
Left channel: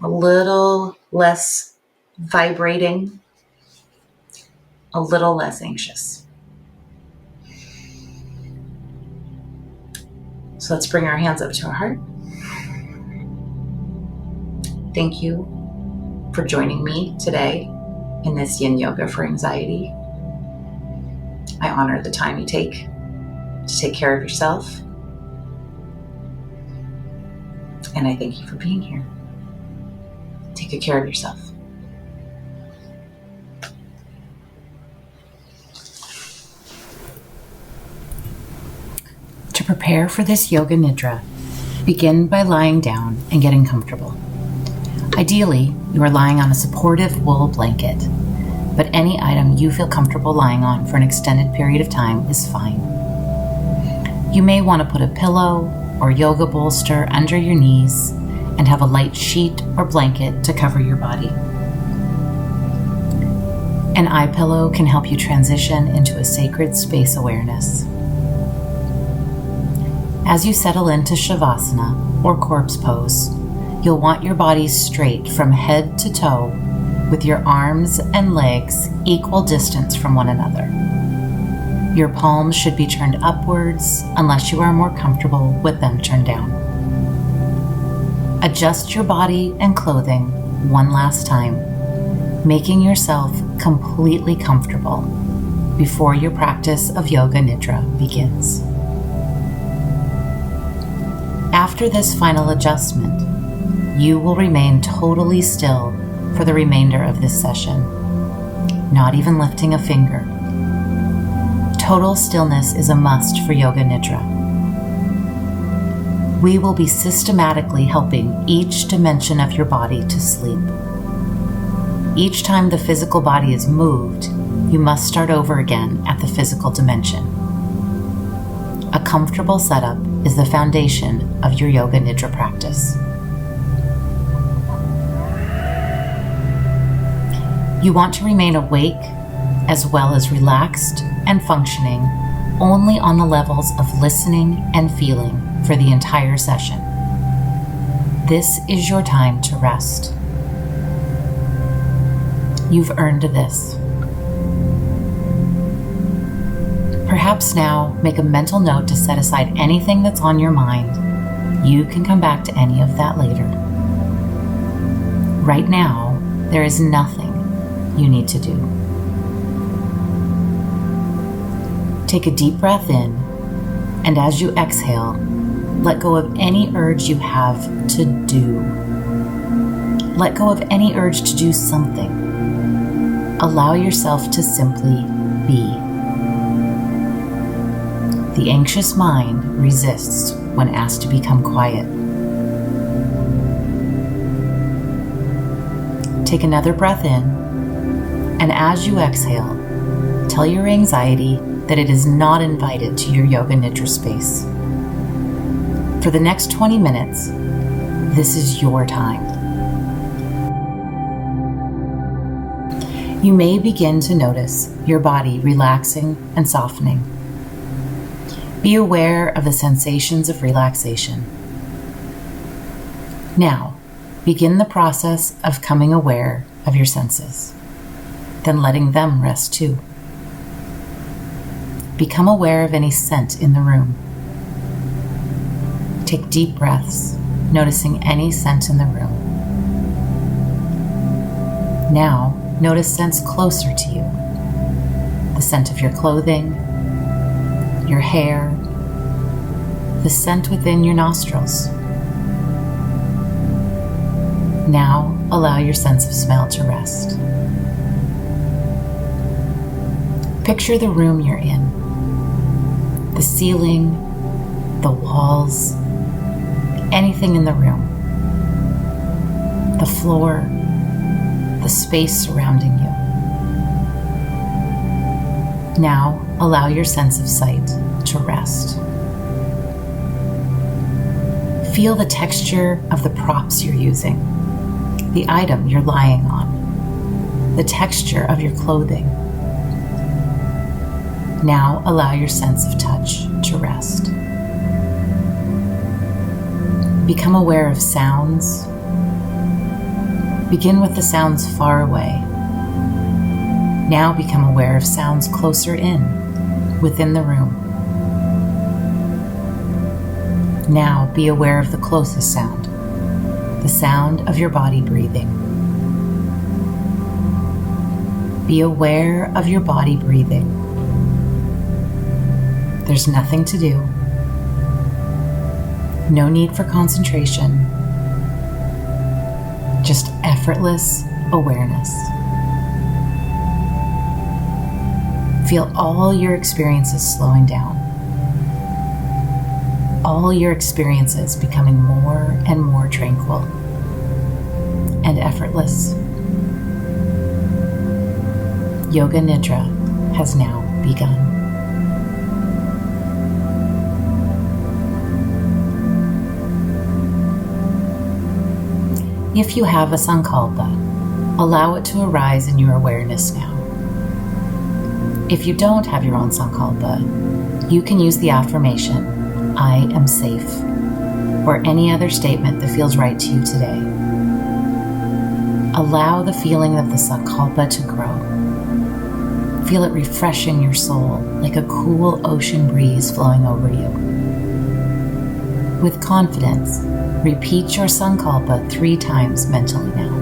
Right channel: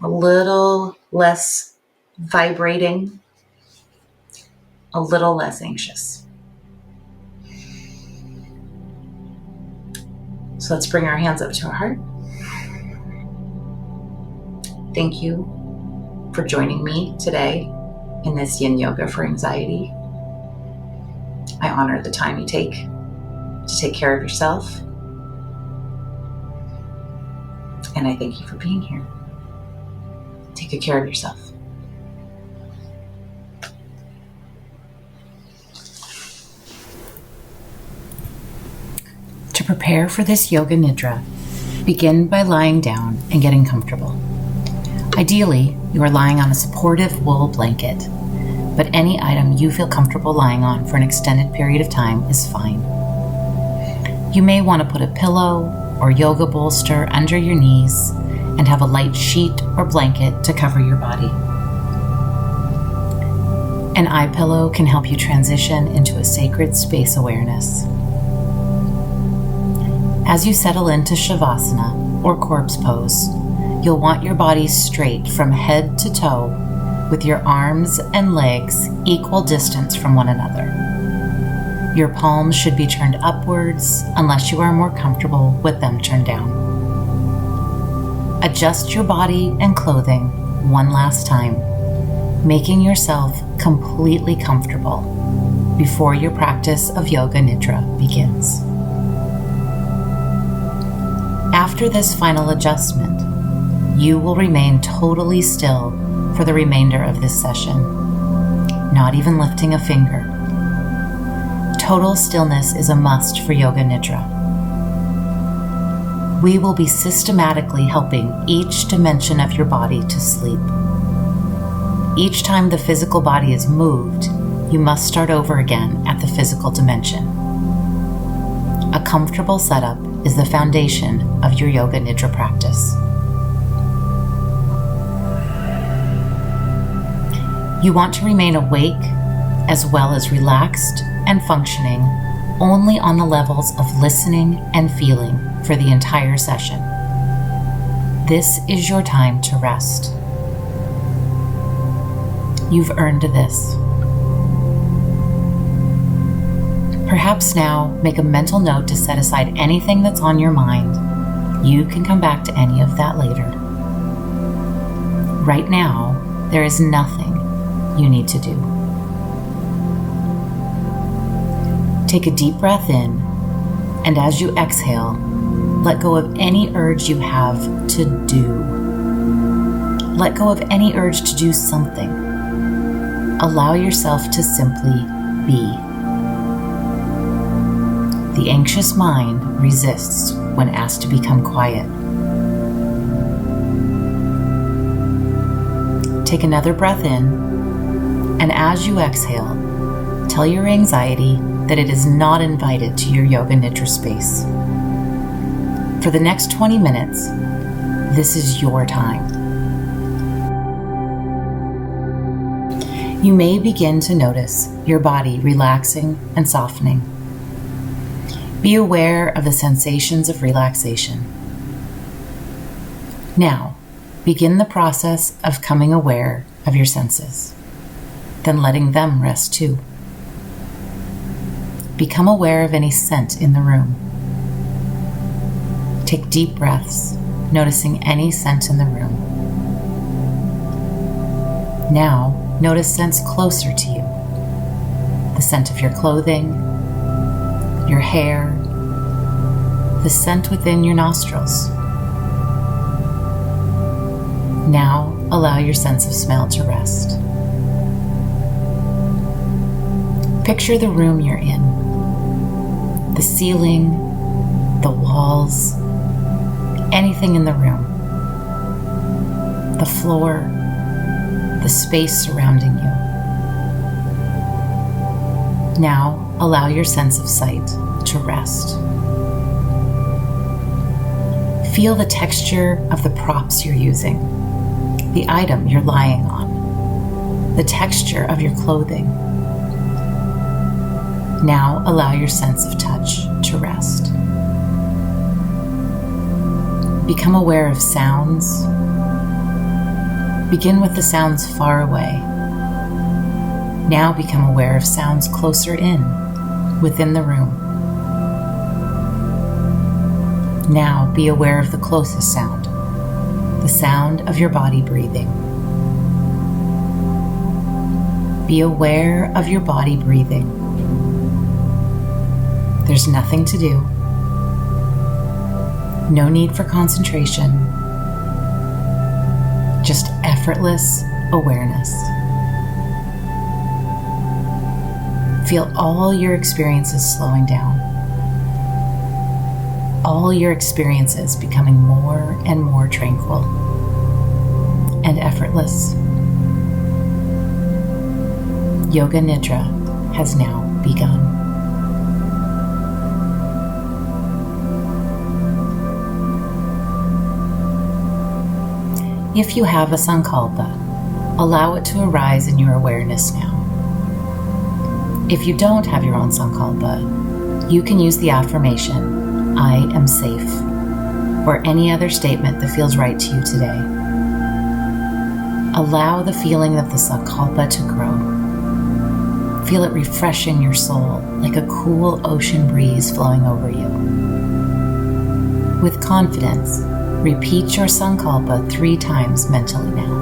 a little less vibrating, a little less anxious. So let's bring our hands up to our heart. Thank you for joining me today in this Yin Yoga for Anxiety. I honor the time you take to take care of yourself. And I thank you for being here. Take good care of yourself. To prepare for this Yoga Nidra, begin by lying down and getting comfortable. Ideally, you are lying on a supportive wool blanket, but any item you feel comfortable lying on for an extended period of time is fine. You may want to put a pillow or yoga bolster under your knees and have a light sheet or blanket to cover your body. An eye pillow can help you transition into a sacred space awareness. As you settle into Shavasana or corpse pose, you'll want your body straight from head to toe with your arms and legs equal distance from one another. Your palms should be turned upwards unless you are more comfortable with them turned down. Adjust your body and clothing one last time, making yourself completely comfortable before your practice of Yoga Nidra begins. After this final adjustment, you will remain totally still for the remainder of this session, not even lifting a finger. Total stillness is a must for Yoga Nidra. We will be systematically helping each dimension of your body to sleep. Each time the physical body is moved, you must start over again at the physical dimension. A comfortable setup is the foundation of your Yoga Nidra practice. You want to remain awake as well as relaxed and functioning only on the levels of listening and feeling for the entire session. This is your time to rest. You've earned this. Perhaps now make a mental note to set aside anything that's on your mind. You can come back to any of that later. Right now, there is nothing you need to do. Take a deep breath in, and as you exhale, let go of any urge you have to do. Let go of any urge to do something. Allow yourself to simply be. The anxious mind resists when asked to become quiet. Take another breath in, and as you exhale, tell your anxiety that it is not invited to your Yoga Nidra space. For the next 20 minutes, this is your time. You may begin to notice your body relaxing and softening. Be aware of the sensations of relaxation. Now, begin the process of coming aware of your senses, then letting them rest too. Become aware of any scent in the room. Take deep breaths, noticing any scent in the room. Now, notice scents closer to you. The scent of your clothing, your hair, the scent within your nostrils. Now allow your sense of smell to rest. Picture the room you're in. The ceiling, the walls, anything in the room. The floor, the space surrounding you. Now allow your sense of sight to rest. Feel the texture of the props you're using, the item you're lying on, the texture of your clothing. Now allow your sense of touch to rest. Become aware of sounds. Begin with the sounds far away. Now become aware of sounds closer in, within the room. Now be aware of the closest sound, the sound of your body breathing. Be aware of your body breathing. There's nothing to do. No need for concentration. Just effortless awareness. Feel all your experiences slowing down. All your experiences becoming more and more tranquil and effortless. Yoga Nidra has now begun. If you have a sankalpa, allow it to arise in your awareness now. If you don't have your own sankalpa, you can use the affirmation, "I am safe," or any other statement that feels right to you today. Allow the feeling of the sankalpa to grow. Feel it refreshing your soul like a cool ocean breeze flowing over you. With confidence, repeat your sankalpa 3 times mentally now.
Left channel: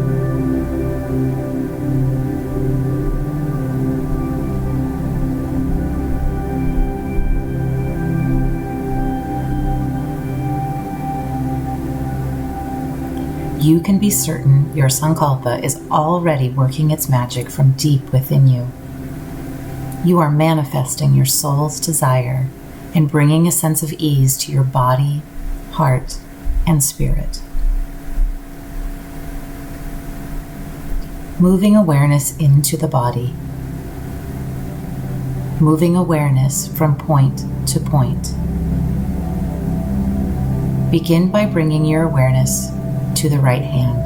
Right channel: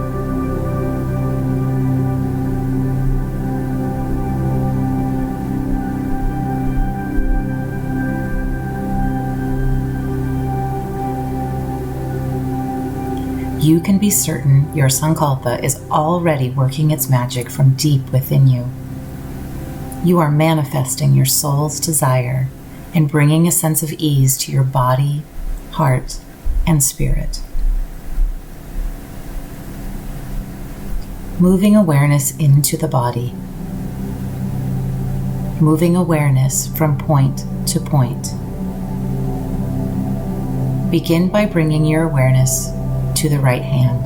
You can be certain your sankalpa is already working its magic from deep within you. You are manifesting your soul's desire and bringing a sense of ease to your body, heart, and spirit. Moving awareness into the body. Moving awareness from point to point. Begin by bringing your awareness to the right hand.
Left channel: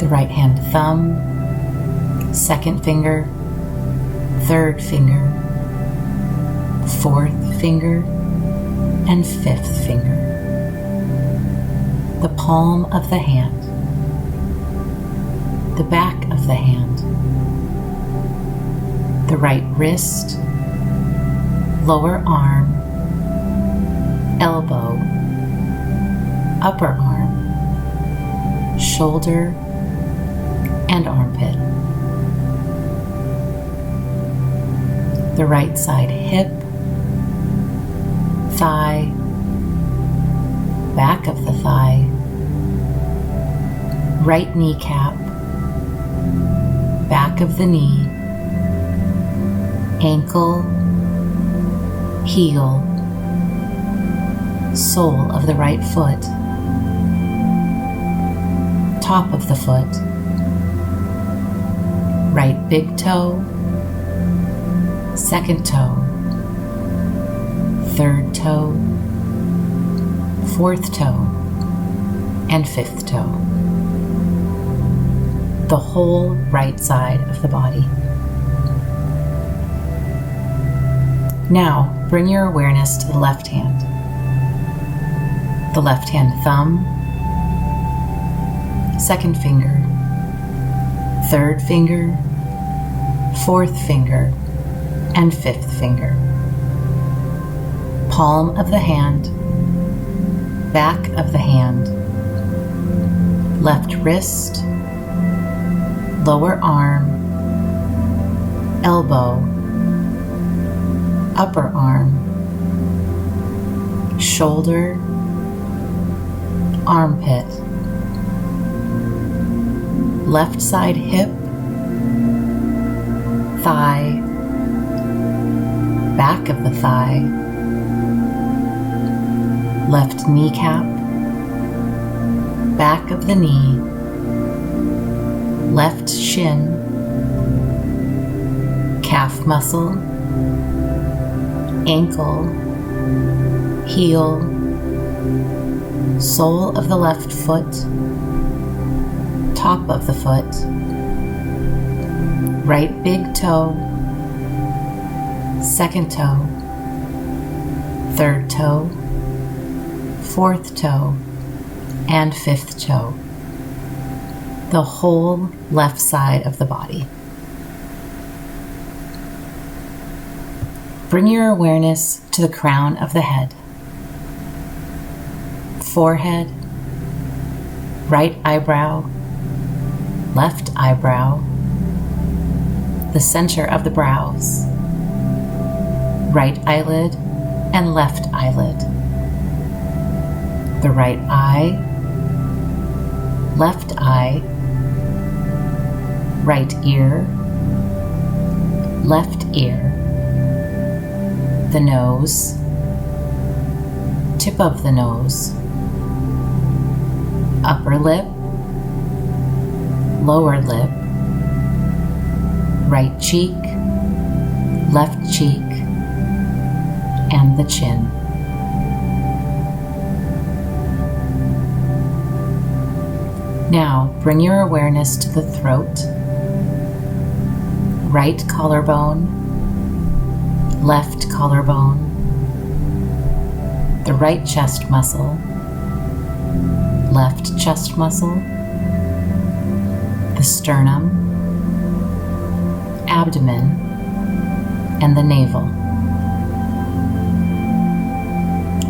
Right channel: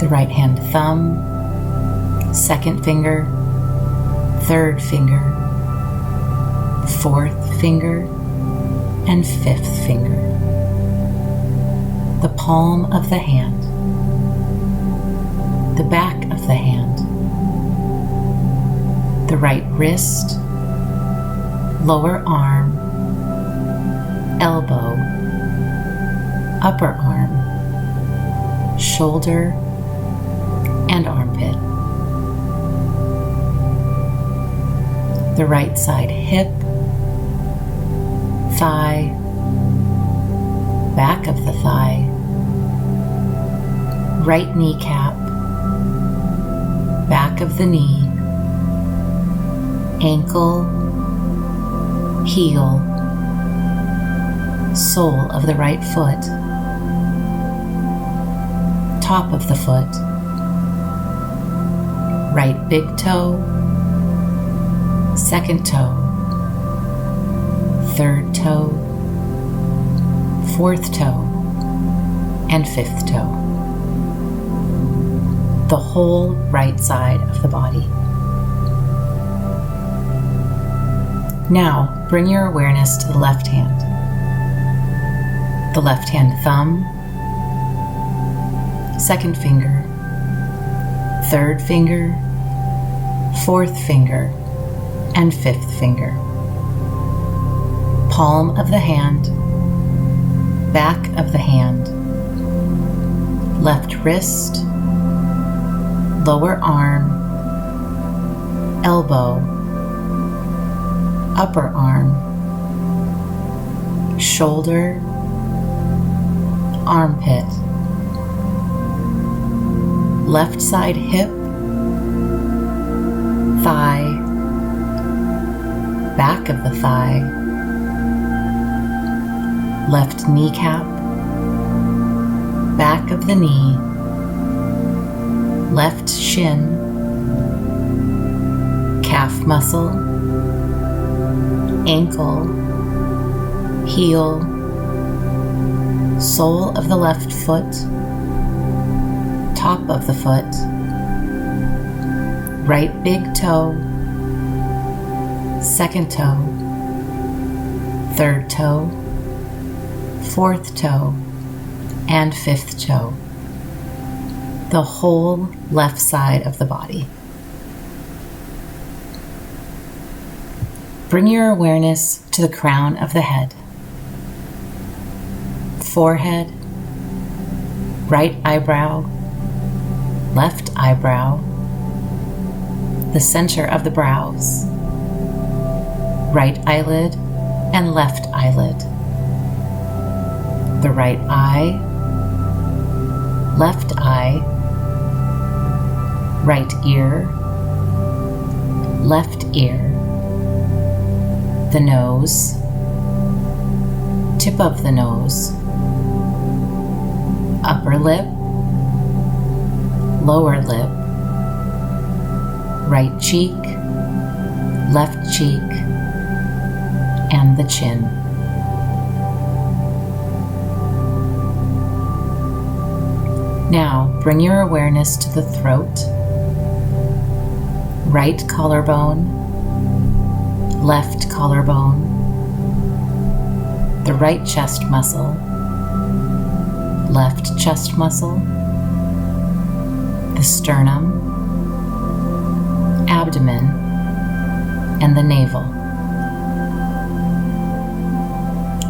The right hand thumb, second finger, third finger, fourth finger, and fifth finger. The palm of the hand. The back of the hand. The right wrist, lower arm, elbow, upper arm, shoulder, and armpit. The right side hip, thigh, back of the thigh, right kneecap, back of the knee, ankle, heel, sole of the right foot, top of the foot, right big toe, second toe, third toe, fourth toe, and fifth toe. The whole right side of the body. Now, bring your awareness to the left hand. The left hand thumb, second finger, third finger, fourth finger, and fifth finger. Palm of the hand, back of the hand, left wrist, lower arm, elbow, upper arm, shoulder, armpit, left side hip, thigh, back of the thigh, left kneecap, back of the knee, left shin, calf muscle, ankle, heel, sole of the left foot, top of the foot, right big toe, second toe, third toe, fourth toe, and fifth toe. The whole left side of the body. Bring your awareness to the crown of the head, forehead, right eyebrow, left eyebrow, the center of the brows, right eyelid and left eyelid, the right eye, left eye, right ear, left ear, the nose, tip of the nose, upper lip, lower lip, right cheek, left cheek, and the chin. Now bring your awareness to the throat, right collarbone, left collarbone, the right chest muscle, left chest muscle, the sternum, abdomen, and the navel.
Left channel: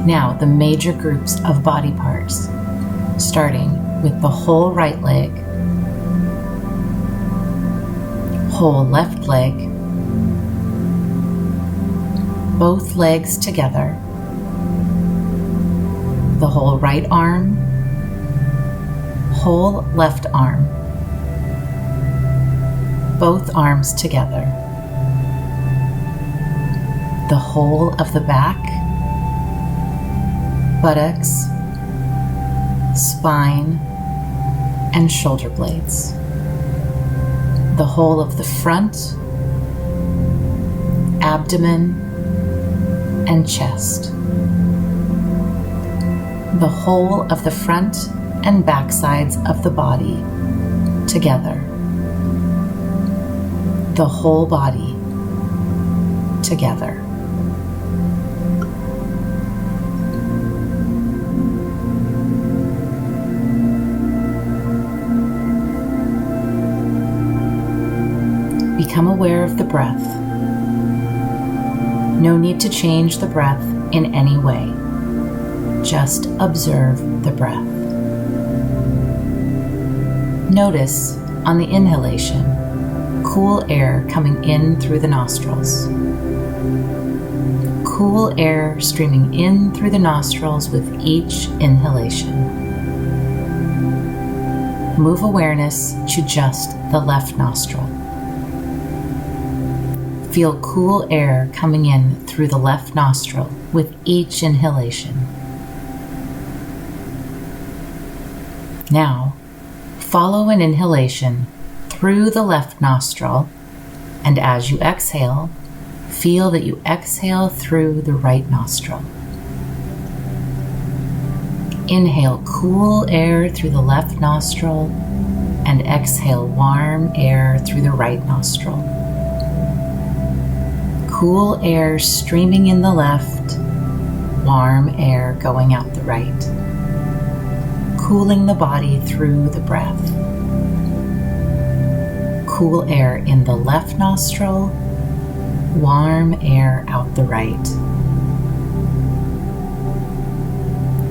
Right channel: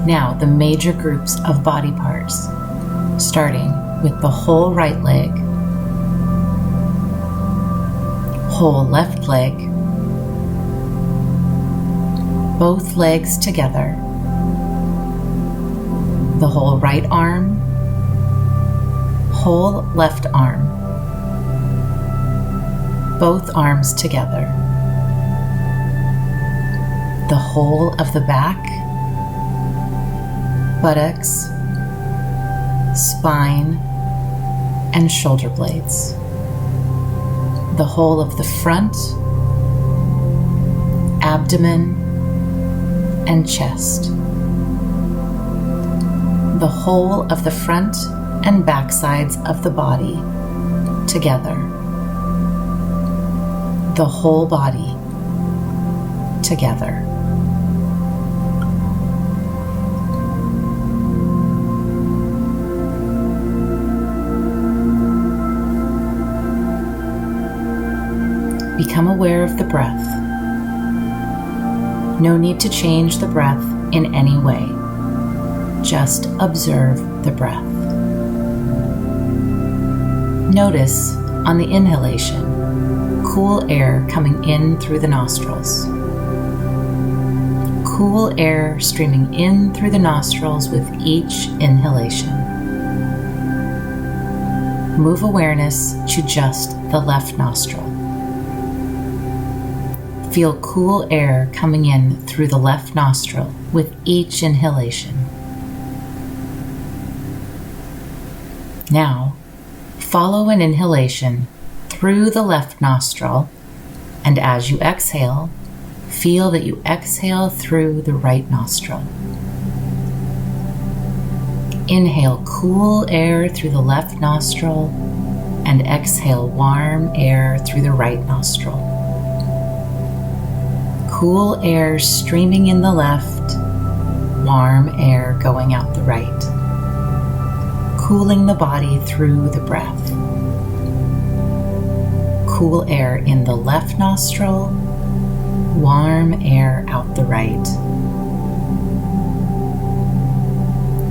Now the major groups of body parts, starting with the whole right leg, whole left leg, both legs together, the whole right arm, whole left arm, both arms together, the whole of the back, buttocks, spine, and shoulder blades, the whole of the front, abdomen, and chest, the whole of the front and back sides of the body together, the whole body together. Become aware of the breath. No need to change the breath in any way. Just observe the breath. Notice on the inhalation, cool air coming in through the nostrils. Cool air streaming in through the nostrils with each inhalation. Move awareness to just the left nostril. Feel cool air coming in through the left nostril with each inhalation. Now, follow an inhalation through the left nostril, and as you exhale, feel that you exhale through the right nostril. Inhale cool air through the left nostril, and exhale warm air through the right nostril. Cool air streaming in the left, warm air going out the right, cooling the body through the breath. Cool air in the left nostril, warm air out the right.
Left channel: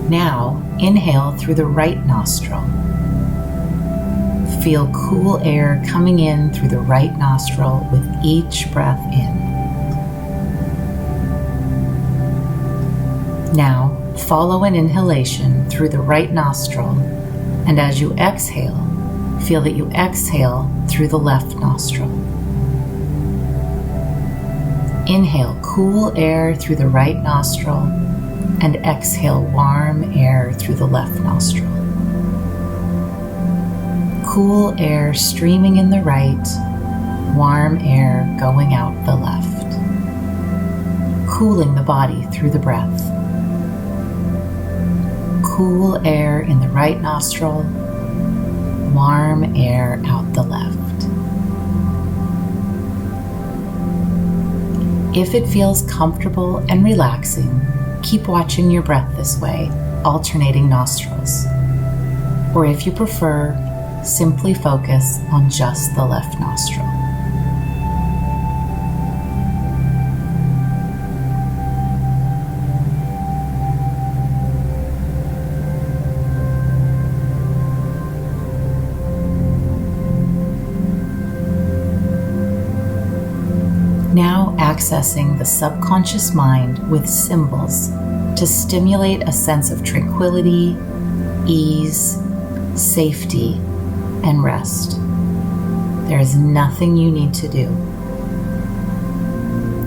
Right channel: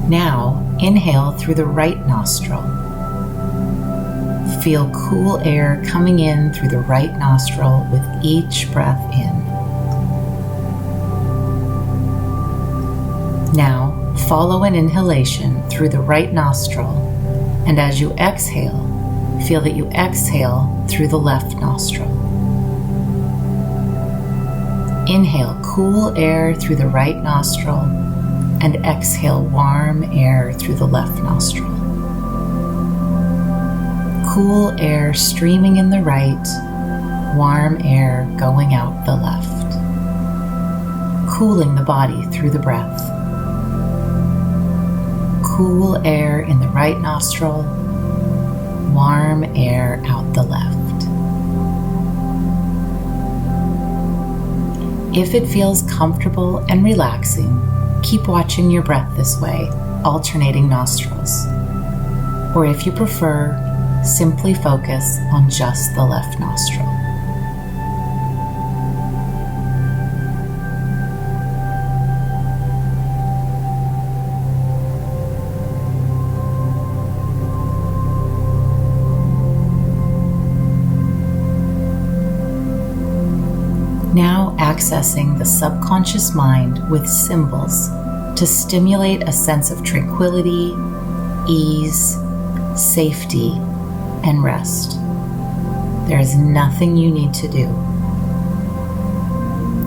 Now inhale through the right nostril. Feel cool air coming in through the right nostril with each breath in. Now, Follow an inhalation through the right nostril, and as you exhale, feel that you exhale through the left nostril. Inhale cool air through the right nostril, and exhale warm air through the left nostril. Cool air streaming in the right, warm air going out the left. Cooling the body through the breath. Cool air in the right nostril, warm air out the left. If it feels comfortable and relaxing, keep watching your breath this way, alternating nostrils. Or if you prefer, simply focus on just the left nostril. Now accessing the subconscious mind with symbols to stimulate a sense of tranquility, ease, safety, and rest. There is nothing you need to do.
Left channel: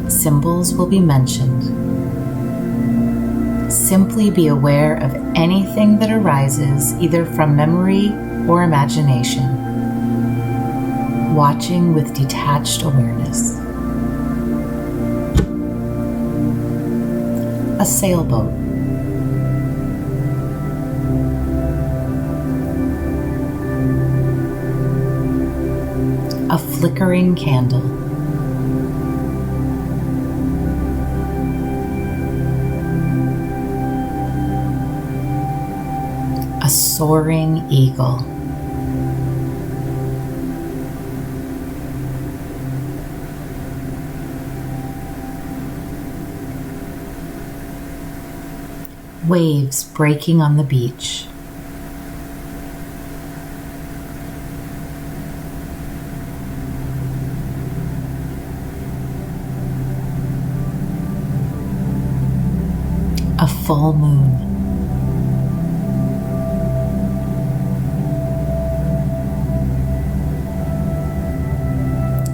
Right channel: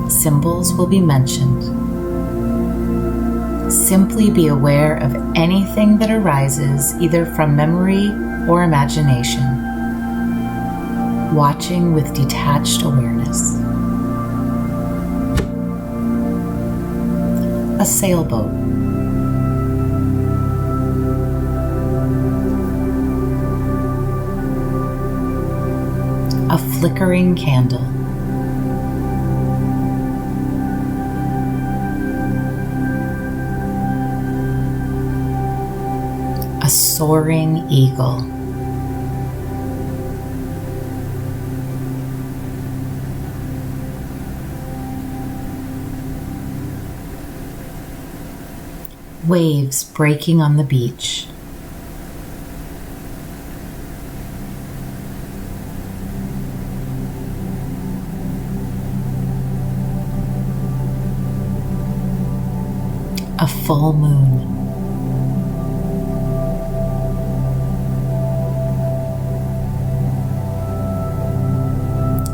Symbols will be mentioned. Simply be aware of anything that arises either from memory or imagination, watching with detached awareness. A sailboat. A flickering candle. A soaring eagle. Waves breaking on the beach. A full moon.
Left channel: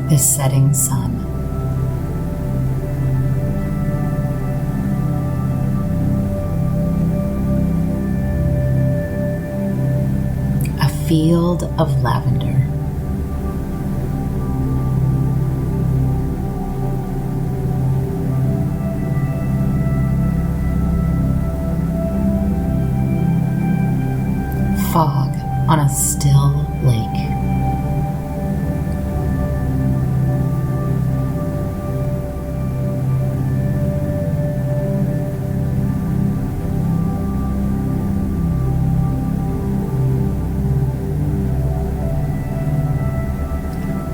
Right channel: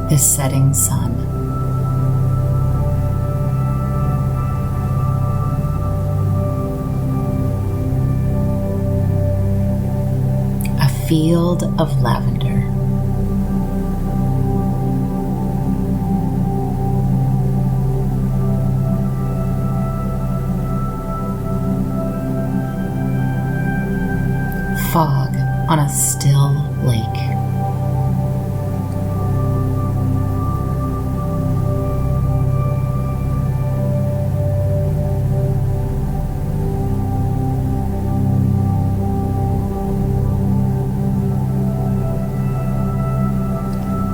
The setting sun. A field of lavender. Fog on a still lake.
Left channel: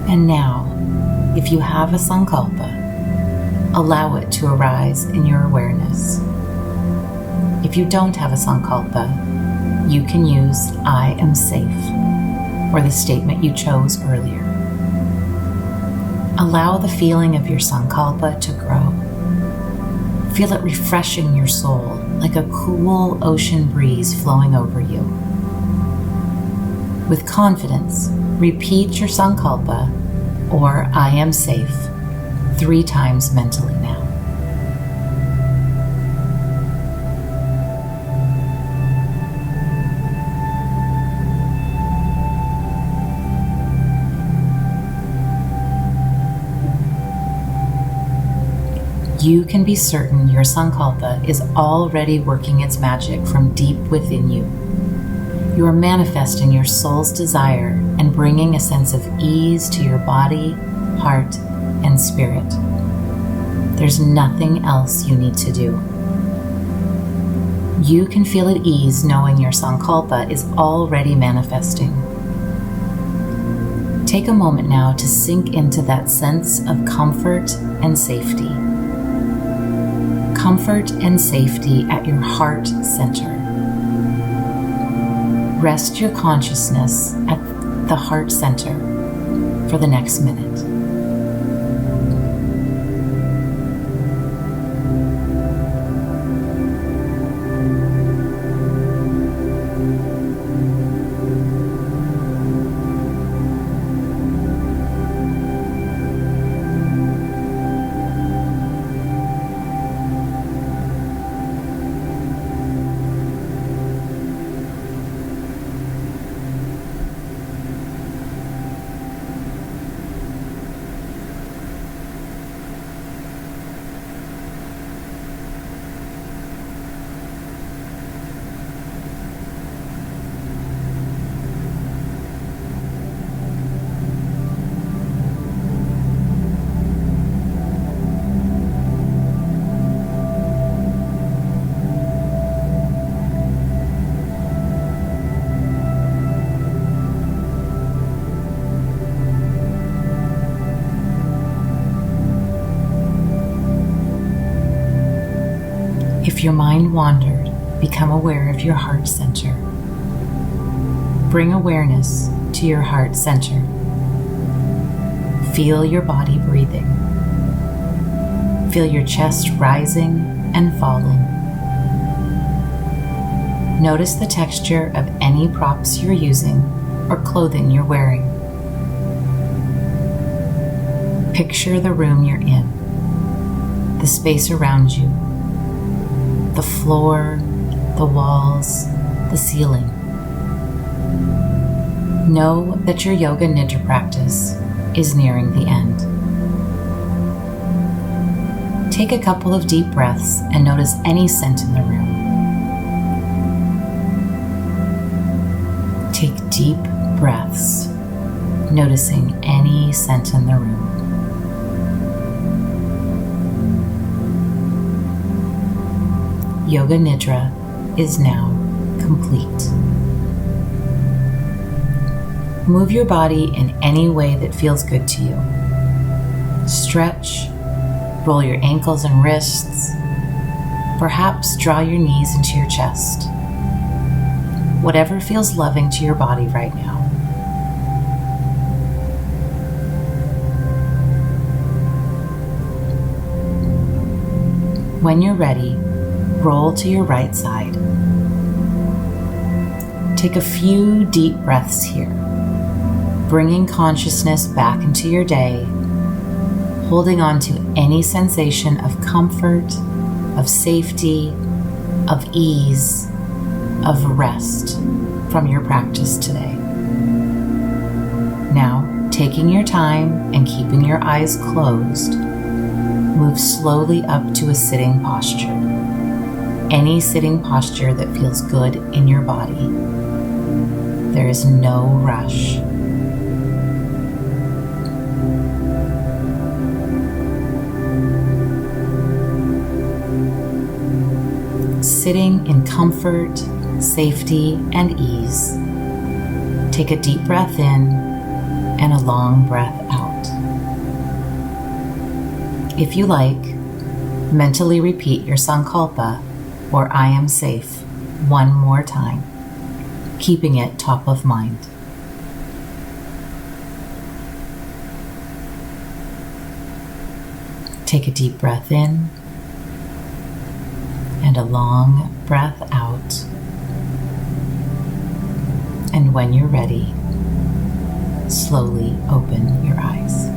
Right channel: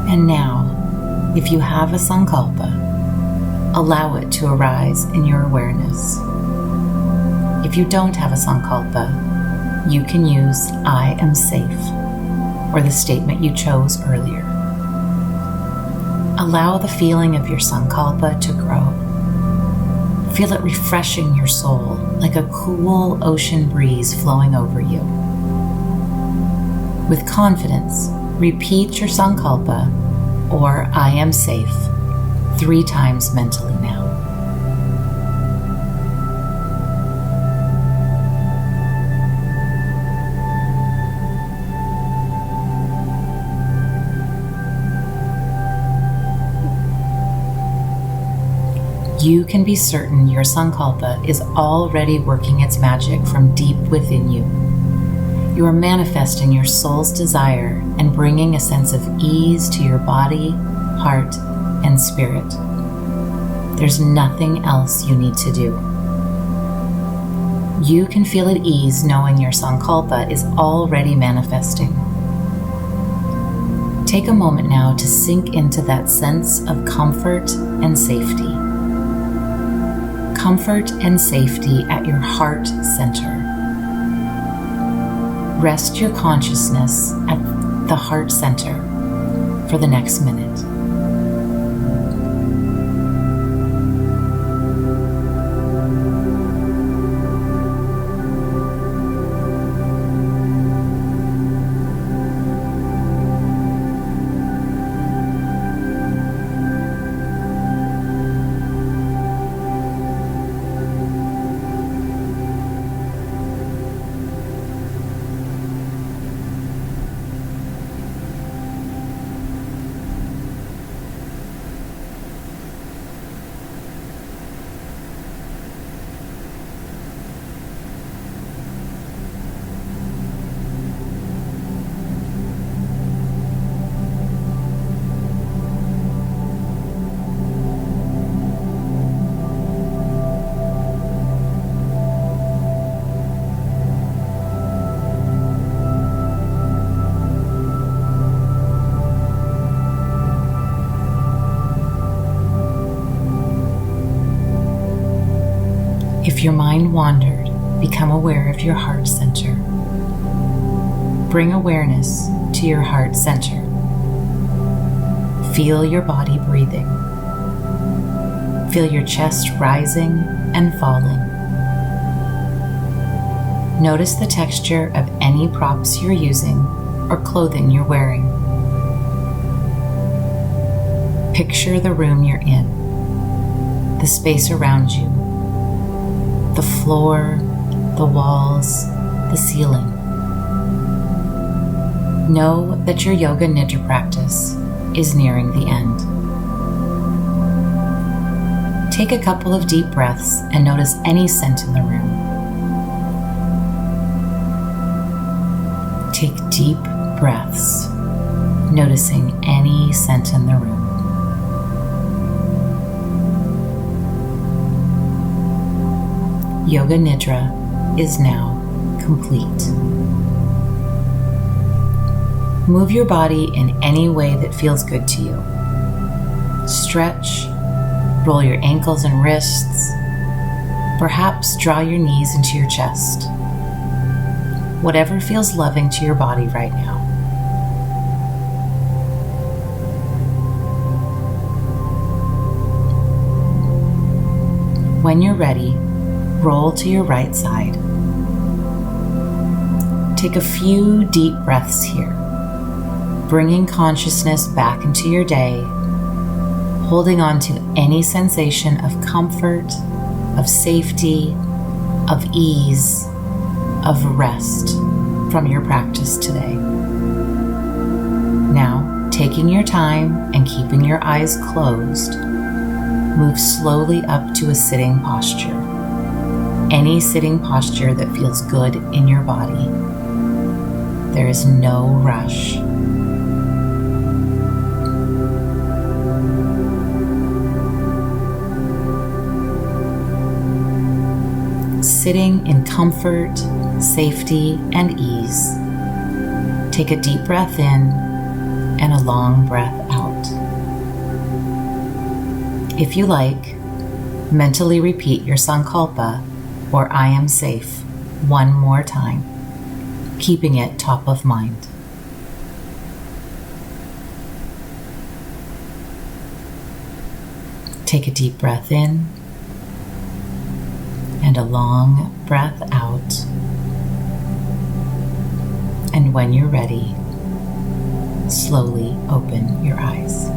And now, if you have a sankalpa, allow it to arise in your awareness. If you don't have a sankalpa, you can use I am safe, or the statement you chose earlier. Allow the feeling of your sankalpa to grow. Feel it refreshing your soul like a cool ocean breeze flowing over you. With confidence, repeat your sankalpa, or I am safe, 3 times mentally now. You can be certain your sankalpa is already working its magic from deep within you. You are manifesting your soul's desire and bringing a sense of ease to your body, heart, and spirit. There's nothing else you need to do. You can feel at ease knowing your sankalpa is already manifesting. Take a moment now to sink into that sense of comfort and safety. Comfort and safety at your heart center. Rest your consciousness at the heart center for the next minute. If your mind wandered, become aware of your heart center. Bring awareness to your heart center. Feel your body breathing. Feel your chest rising and falling. Notice the texture of any props you're using or clothing you're wearing. Picture the room you're in, the space around you, the floor, the walls, the ceiling. Know that your Yoga Nidra practice is nearing the end. Take a couple of deep breaths and notice any scent in the room. Take deep breaths, noticing any scent in the room. Yoga Nidra is now complete. Move your body in any way that feels good to you. Stretch, roll your ankles and wrists. Perhaps draw your knees into your chest. Whatever feels loving to your body right now. When you're ready, roll to your right side. Take a few deep breaths here, bringing consciousness back into your day, holding on to any sensation of comfort, of safety, of ease, of rest from your practice today. Now, taking your time and keeping your eyes closed, move slowly up to a sitting posture. Any sitting posture that feels good in your body. There is no rush. Sitting in comfort, safety, and ease. Take a deep breath in and a long breath out. If you like, mentally repeat your Sankalpa or I am safe one more time, keeping it top of mind. Take a deep breath in and a long breath out. And when you're ready, slowly open your eyes.